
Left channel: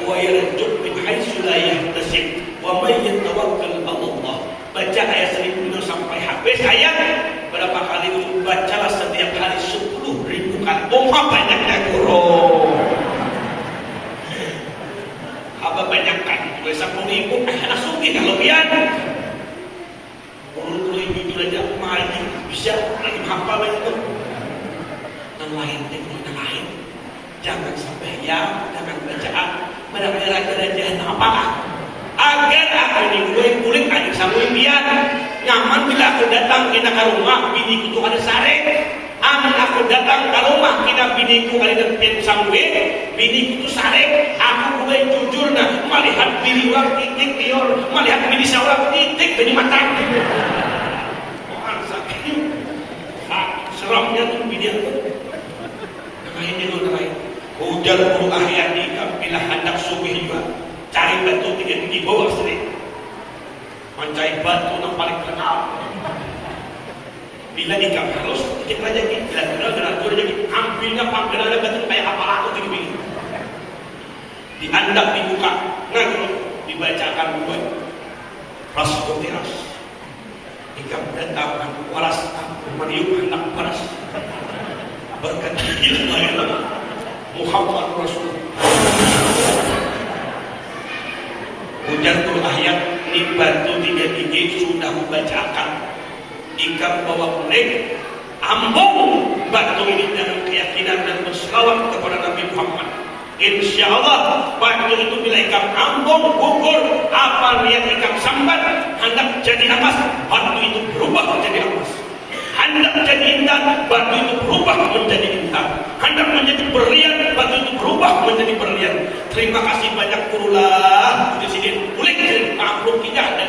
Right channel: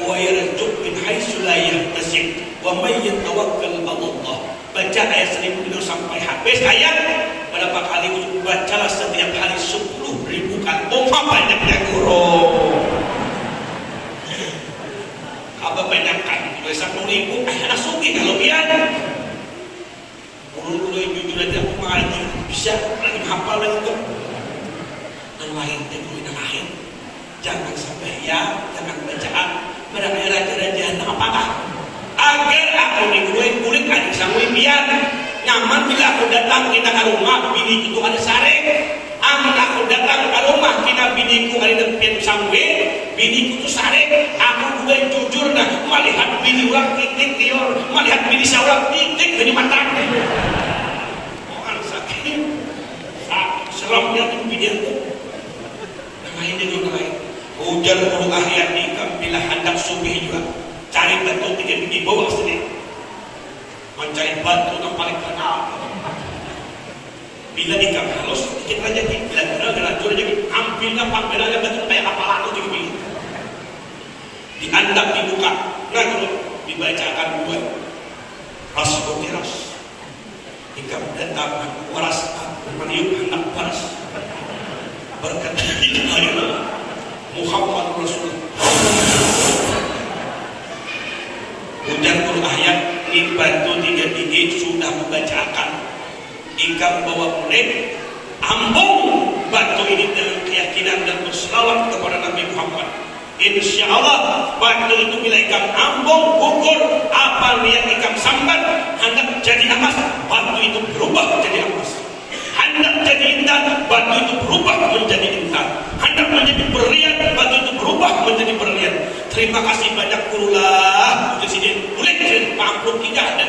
wa yarzuq min haitsu la yahtasib. Wa may yatawakkal 'ala Allah. Baca ayat 1000 sampai habis ayat. Berapa kali gue baca setiap hari 10.000 kali. Banyaknya guru. Banyakkan 10.000 langsung kalau biar kalau jujur aja aku mengaji bisa lagi hafal lagi tuh yang lain teknik lain jangan sampai ya jangan bacaan pada daerah-daerah apakah agar aku kulit adik samui biar nyaman bila aku datang kita ke rumah bini itu ada sare anak aku datang ke rumah kita bini itu ada tempat samui bini itu sare aku gue jujur nah melihat bini orang titik lior melihat bini seorang titik dari mata orang sakit serangnya tuh bini itu ini juga baik hujan bulu ayat nikah bila hendak subuh juga cari batu 3 biji bawah sini mencari batu yang paling kenal bila nikah halus kita aja bila berajur aja ambilnya panggilan batu kayak apa itu juga diandap dibuka ngatur dibacakan buat rasul teras hingga datang paras meniup anak paras berkata Muhammad Rasulullah hujan ayat ini batu 3 biji sudah membacakan hingga bawa menek ambung batu ini dengan keyakinan dan berselawat kepada Nabi Muhammad. Insya Allah waktu itu bila ikan ambung gugur apa niat ikan sambat hendak jadi emas waktu itu berubah menjadi emas hendak jadi indah waktu itu berubah menjadi indah hendak menjadi berlian waktu itu berubah menjadi berlian. Terima kasih banyak kurulah Presiden kulit makhluk tidak ada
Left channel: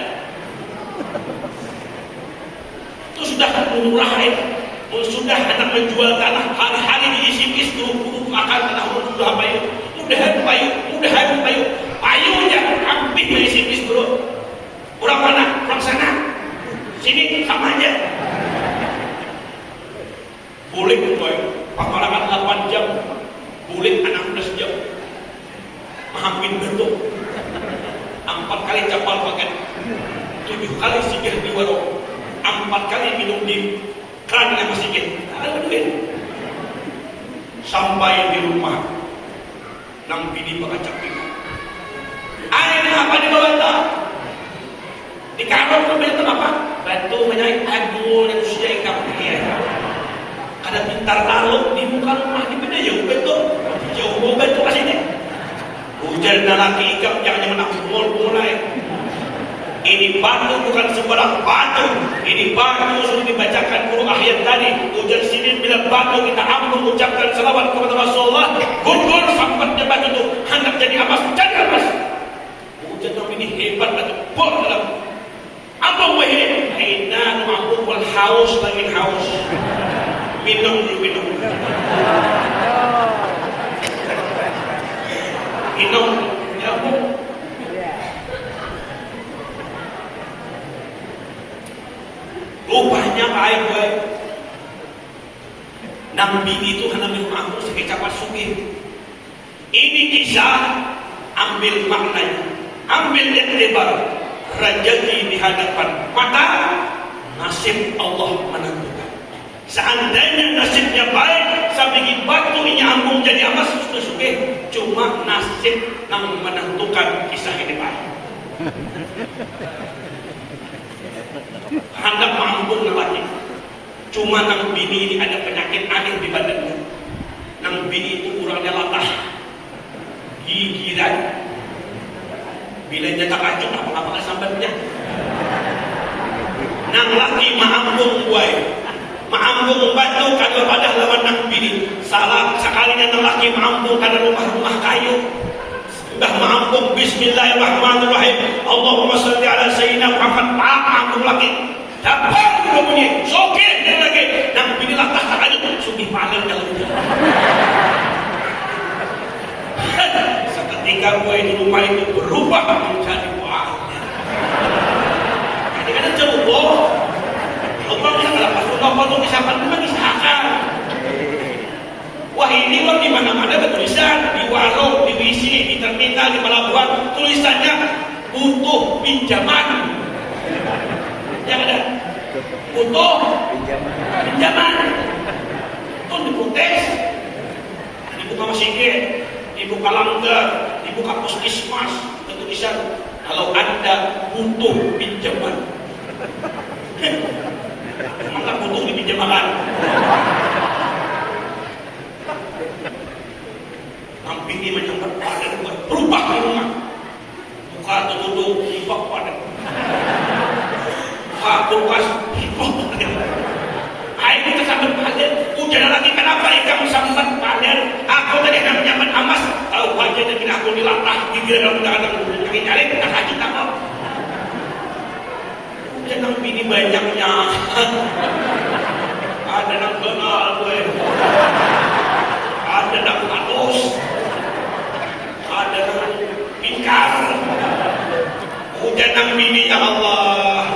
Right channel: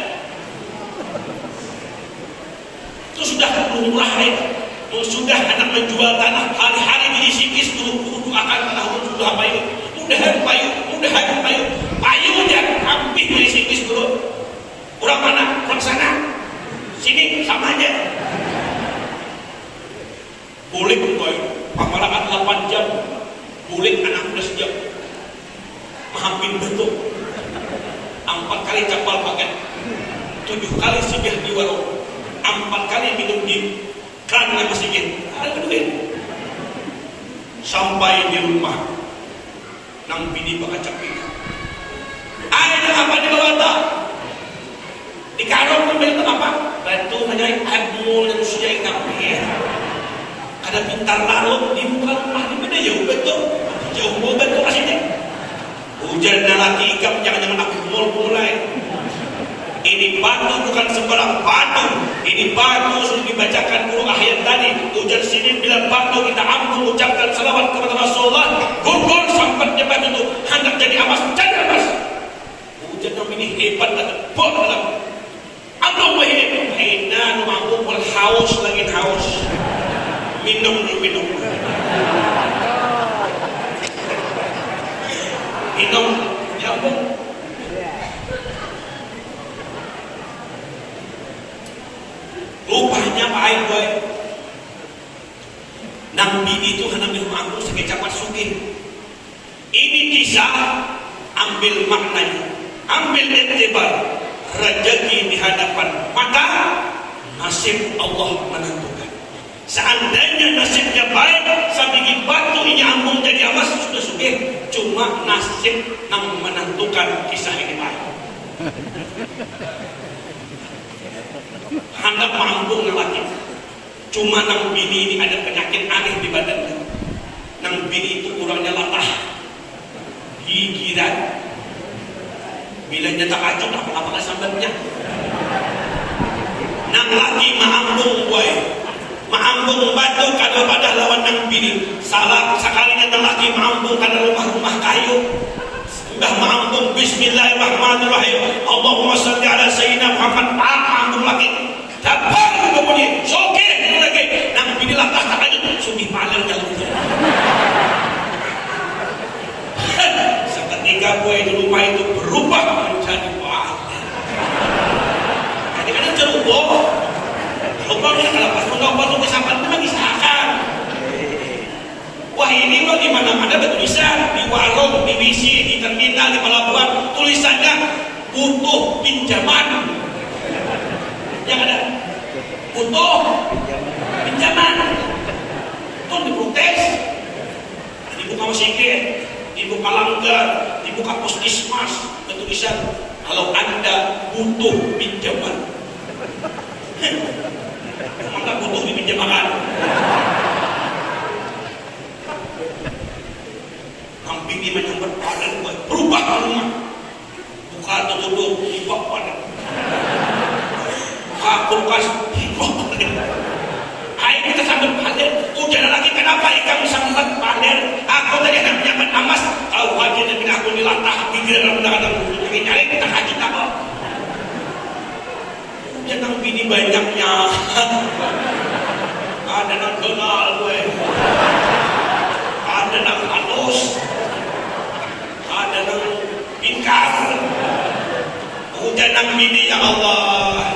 itu sudah murah itu sudah hendak menjual tanah hari-hari diisi guru akan tahu sudah apa itu mudahan payunya hampir dari sini bro. Orang mana? Orang sana. Sini sama aja. Boleh berdoa. Pengalaman 8 jam. Boleh 16 jam. Hampir betul. 4 kali kapal pakai. 7 kali sibih di warung. 4 kali minum di keran yang masih ada duit. Sampai di rumah. Nang bini bakacak bini. Ayo apa di bawah tak? Di kantor pun itu apa? Bantu menaik abu dan usia ikan. Ada pintar lalu di muka rumah di beda jauh betul. Jauh mobil kok kasih deh. Hujan dan laki ikan jangan aku mulai. Ini batu bukan sembarang batu. Ini batu sudah dibacakan guru ayat tadi. Hujan sini bila batu kita ampun ucapkan selawat kepada Rasulullah. Gugur sampai batu itu hendak jadi emas dan emas. Hujan ini hebat dan bor dalam. Ampun wahai. Hina mampu berhaus lagi haus. Minum dulu minum. Bisa ambil maknanya, ambil iktibar. Rezeki di hadapan mata, nasib Allah menentukan. Seandainya nasibnya baik, sabigi batu ini ambung jadi emas sudah suka. Cuma nasib yang menentukan kisah ini baik. Hendak mengambung lelaki. Cuma nang bini ini ada penyakit aneh di badannya. Nang bini itu kurangnya latah, gigiran. Bila dia tak acung, apa sambatnya? Nang laki mengambung buai, mengambung batu kalau pada lawan nang bini. Salah sekalinya nang laki mengambung karena rumah-rumah kayu. Dah mengambung Bismillahirrahmanirrahim. Allahumma sholli ala sayyidina Muhammad. Mengambung lagi. Dapat kemudian sokir lagi. Nang bini latah tak aja sugih paler kalau gitu. Seketika buai di rumah itu berubah menjadi wahana. Kadang-kadang ceroboh. Ceroboh ni kalau tu kesapan tu bagi sahakan. Wah ini mah di mana-mana bertulisan di warung, di WC, di terminal, di pelabuhan tulisannya butuh pinjaman. Yang ada butuh pinjaman. Pun diprotes. Dibuka masjid, dibuka langgar, dibuka puskesmas, tulisan kalau Anda butuh pinjaman. Emang nggak butuh dipinjamkan? Namping ini menyumbat pada berubah rumah. Buka tutup hibah pada. Buka kulkas hibah pada. Ayo kita sambil pada. Hujan lagi kenapa ya kamu sambil pada? Aku tadi akan pinjaman emas. Kalau lagi dan tidak aku dilatah gigi dalam belakang mungkin nyari kita kasih apa? Jangan bini banyaknya. Ada yang kenal gue. Ada yang halus. Ada yang ingkar. Jangan bini ya Allah.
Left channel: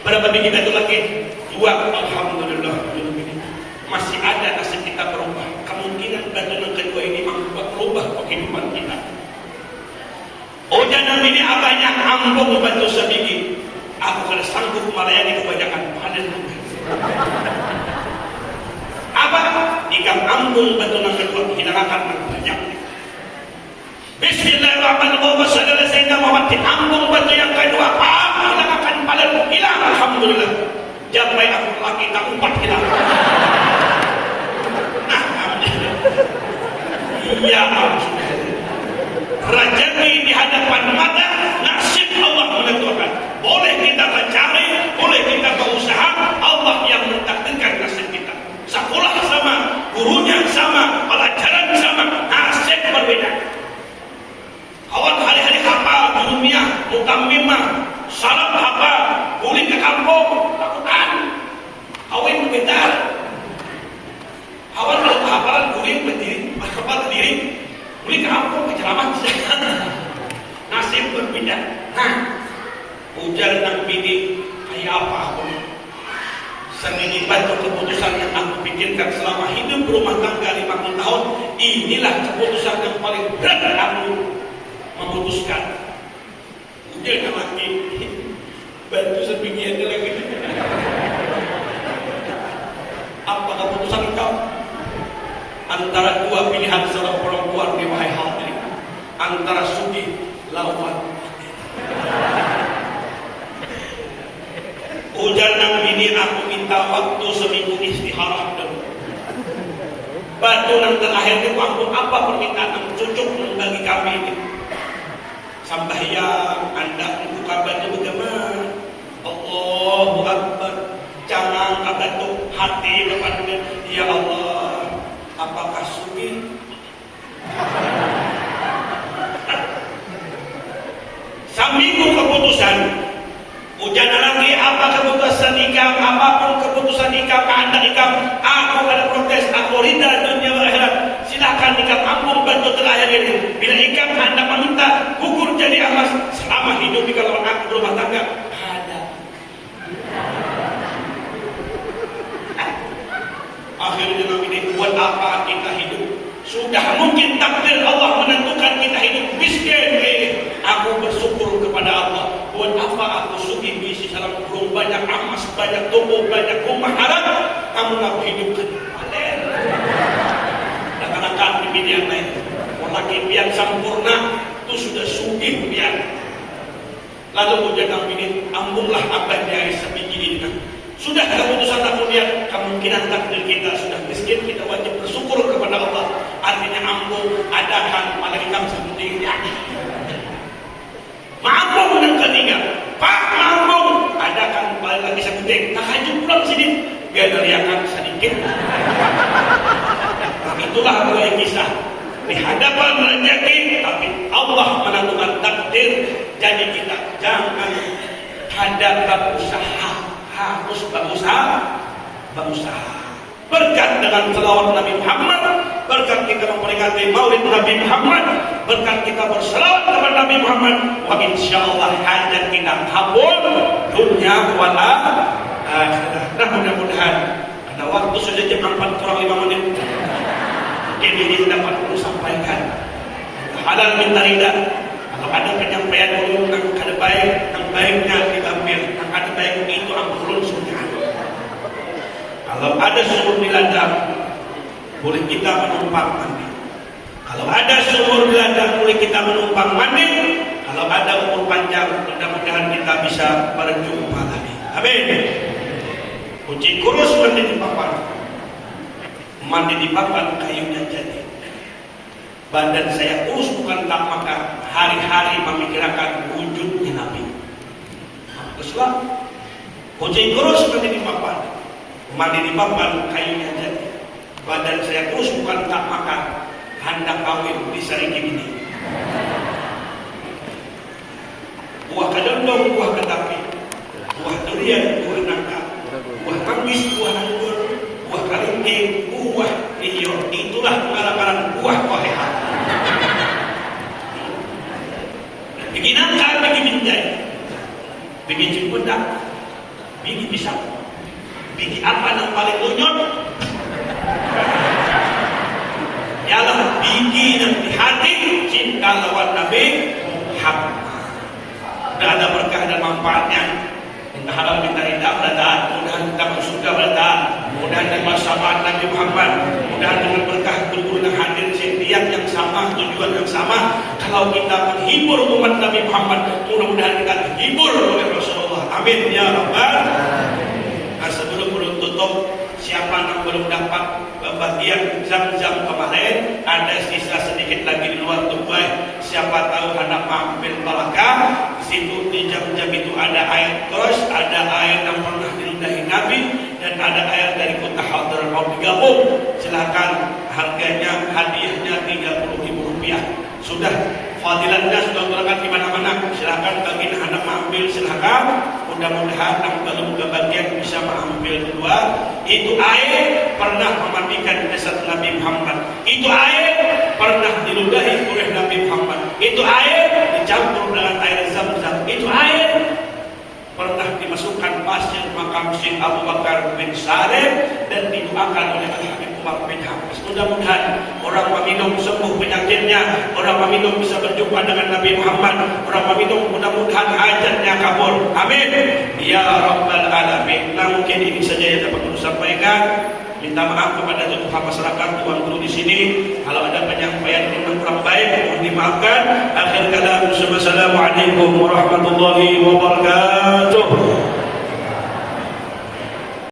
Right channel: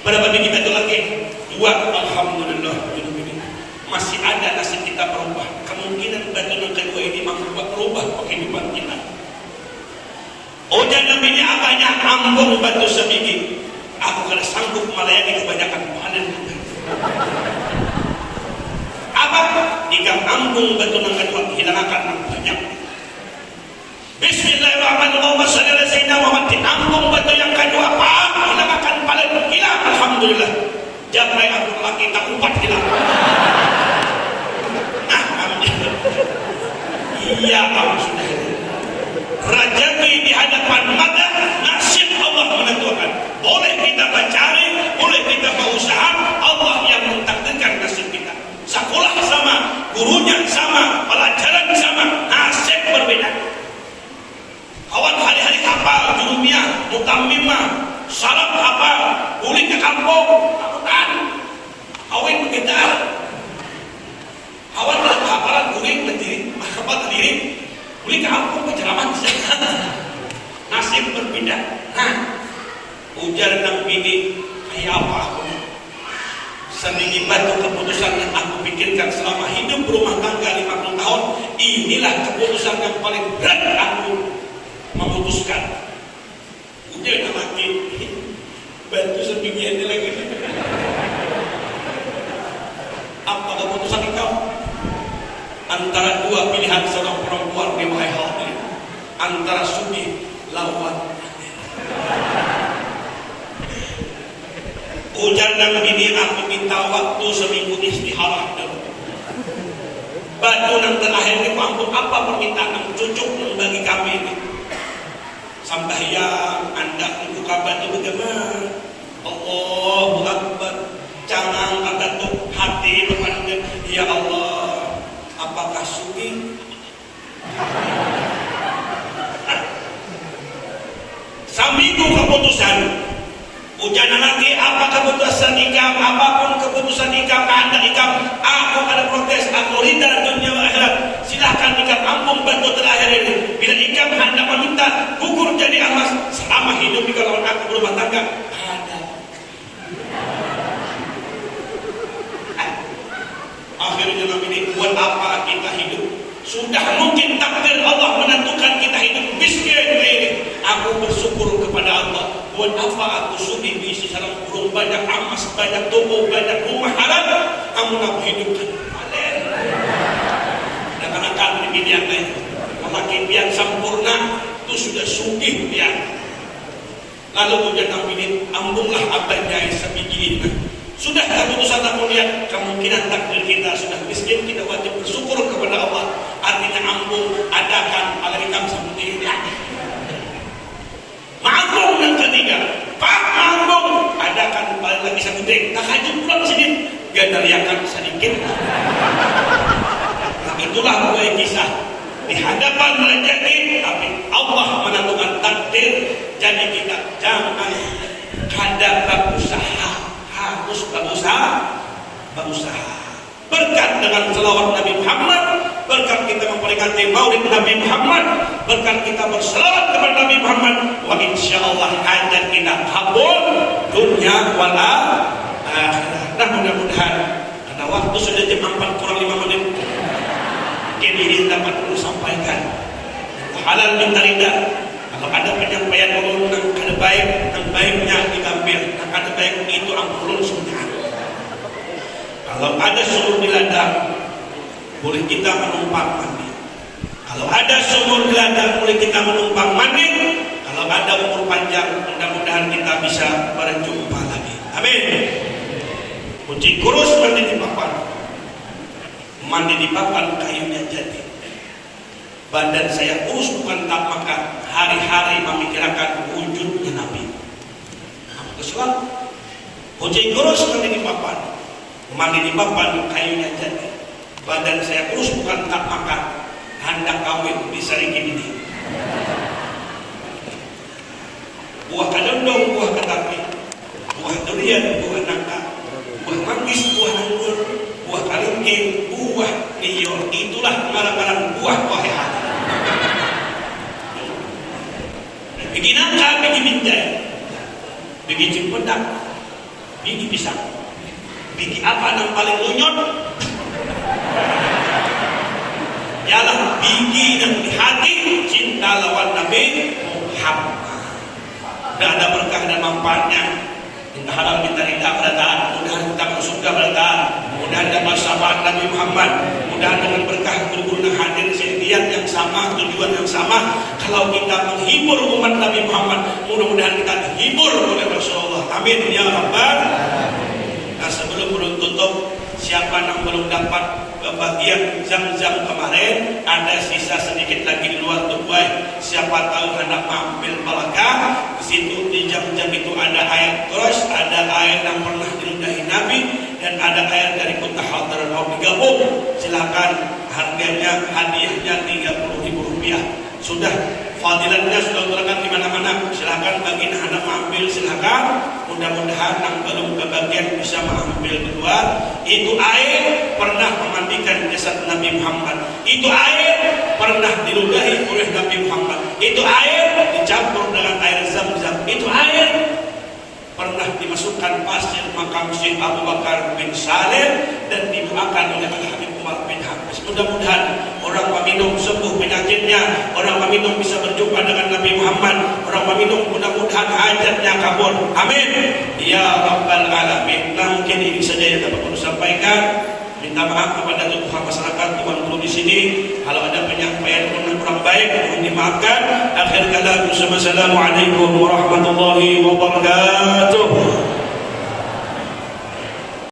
Berapa bini betul lagi? 2. Alhamdulillah. Masih ada nasib kita berubah. Kemungkinan dan yang kedua ini berubah kehidupan kita. Oh jangan bini abahnya ambung batu sebiji. Aku kalau sanggup melayani kebanyakan panen juga. Abang ikan ambung batu yang kedua hilangkan banyak. Bismillahirrahmanirrahim. Sayyidina Muhammad ambung batu yang kedua hilangkan panen hilang. Alhamdulillah. Japai aku lagi tak umpat hilang. Iya sudah. Rezeki di hadapan mata, nasib Allah menentukan. Boleh kita mencari, boleh kita berusaha, Allah yang mentakdirkan nasib kita. Sekolah sama, gurunya sama, pelajaran sama, nasib berbeda. Kawan hari-hari hafal, jurumiyah, mutamimah, salat hafal, boleh ke kampung, lakukan. Awin berbeda. Kawan hafal, boleh berdiri, hafal berdiri, boleh ke kampung, berceramah. Nasib berbeda. Ujar nang bini kayak apa aku? Sedikit batu keputusan yang aku pikirkan selama hidup berumah tangga 50 tahun. Inilah keputusan yang paling berat aku memutuskan. Ujar nang laki batu sebingnya itu lagi. Apa keputusan kau? Antara dua pilihan seorang perempuan di hal ini. Antara sudi lawan ujar nang bini aku minta waktu seminggu istihara dulu. Batu nang terakhir itu ampun apa permintaan yang cucuk bagi kami ini. Sambayang anda itu kabarnya bagaimana? Allahu Akbar. Jangan ada tuh hati berkata ya Allah. Apakah sugi? Seminggu keputusan. Ujian nanti apa keputusan nikah, apapun keputusan nikah, anda nikah, aku ada protes, aku ridha dunia akhirat. Silakan nikah ampun bantu terakhir ini. Bila nikah anda meminta hukum jadi amas selama hidup di kalau aku berumah tangga ada. Akhirnya ini buat apa kita hidup? Sudah mungkin takdir Allah buat apa aku sugi bisi salam burung banyak amas, banyak toko, banyak rumah harap, kamu nak hidup kalian. Dan anak-anak di bidang lain, orang yang sempurna itu sudah sugih biar. Lalu kemudian ambilin, ambunglah abadnya sebiji. Sudah keputusan aku lihat kemungkinan takdir kita sudah miskin, kita wajib bersyukur kepada Allah. Artinya ambung, adakan alaikum seperti ini. Ma'ambung yang ketiga, Pak Ma'ambung, adakan balik lagi saya gede, tahajud pulang sini, gak teriakan sedikit. Nah, itulah dua kisah di hadapan rezeki, tapi Allah menentukan takdir. Jadi kita jangan hadap berusaha, harus berusaha. Berkat dengan selawat Nabi Muhammad, berkat kita memperingati Maulid Nabi Muhammad, berkat kita berselawat kepada Nabi Muhammad, wa insyaallah hajat kita kabul dunia wal akhirah. Nah, mudah-mudahan ada waktu sudah jam 4 kurang 5 menit. Ini dapat perlu sampaikan. Halal minta rida. Kalau ada penyampaian ulun yang ada baiknya diambil, yang ada baik itu ulun sunnah. Kalau ada sumur di ladang, boleh kita menumpang mandi. Kalau ada sumur di ladang, boleh kita menumpang mandi. Kalau ada umur panjang, mudah-mudahan kita bisa berjumpa lagi. Amin. Kunci kurus mandi di papan. Mandi di papan kayunya jadi. Badan saya kurus bukan tak makan. Hari-hari memikirkan wujudnya Nabi. Islam. Kunci kurus mandi di papan. Mandi di papan kayunya jadi. Badan saya kurus bukan tak makan. Hendak kawin bisa bikin ini. Buah kadondong, buah ketapi, buah durian, buah nangka, buah kangkis, buah anggur, buah kalengking, buah liyo. Itulah barang-barang buah koheha. Bikin nangka, bikin binjai, bikin cempedak, bikin pisang. Bikin apa yang paling lunyot? Ialah bikin di hati cinta lawan Nabi Muhammad. Dan ada berkah dan manfaatnya. Kita halal minta rida pada taat. Mudah-mudahan kita bersyukur pada taat. Mudah-mudahan kita bersama Nabi Muhammad. Mudah-mudahan dengan berkah guru-guru yang hadir sendirian yang sama, tujuan yang sama. Kalau kita menghibur umat Nabi Muhammad, mudah-mudahan kita dihibur oleh Rasulullah. Amin ya Rabbal. Sebelum menutup, siapa yang belum dapat bagian Zam-Zam kemarin, ada sisa sedikit lagi di luar Dubai. Siapa tahu hendak ambil barakah. Di situ di Zam-Zam itu ada air terus, ada air yang pernah diludahi Nabi, dan ada air dari kota Hadrat mau digabung. Silakan, harganya hadiahnya Rp30.000. Sudah fadilatnya sudah terangkat di mana-mana. Silakan bagi anak ambil, silakan. Mudah-mudahan yang belum kebagian bisa mengambil kedua. Itu air pernah memandikan jasad Nabi Muhammad. Itu air pernah diludahi oleh Nabi Muhammad. Itu air dicampur dengan air Zam-Zam. Itu air pernah dimasukkan pasir makam Syekh Abu Bakar bin Salim dan didoakan oleh Al-Habib Umar bin Hafiz. Mudah-mudahan orang peminum sembuh penyakitnya, orang peminum bisa berjumpa dengan Nabi Muhammad, orang peminum mudah-mudahan hajatnya kabul. Amin ya Rabbal Alamin. Nah, mungkin ini saja yang dapat saya sampaikan. Minta maaf kepada tuhan masyarakat tuan guru di sini. Kalau ada penyampaian yang kurang baik, mohon dimaafkan. Akhir kata, wassalamualaikum warahmatullahi wabarakatuh.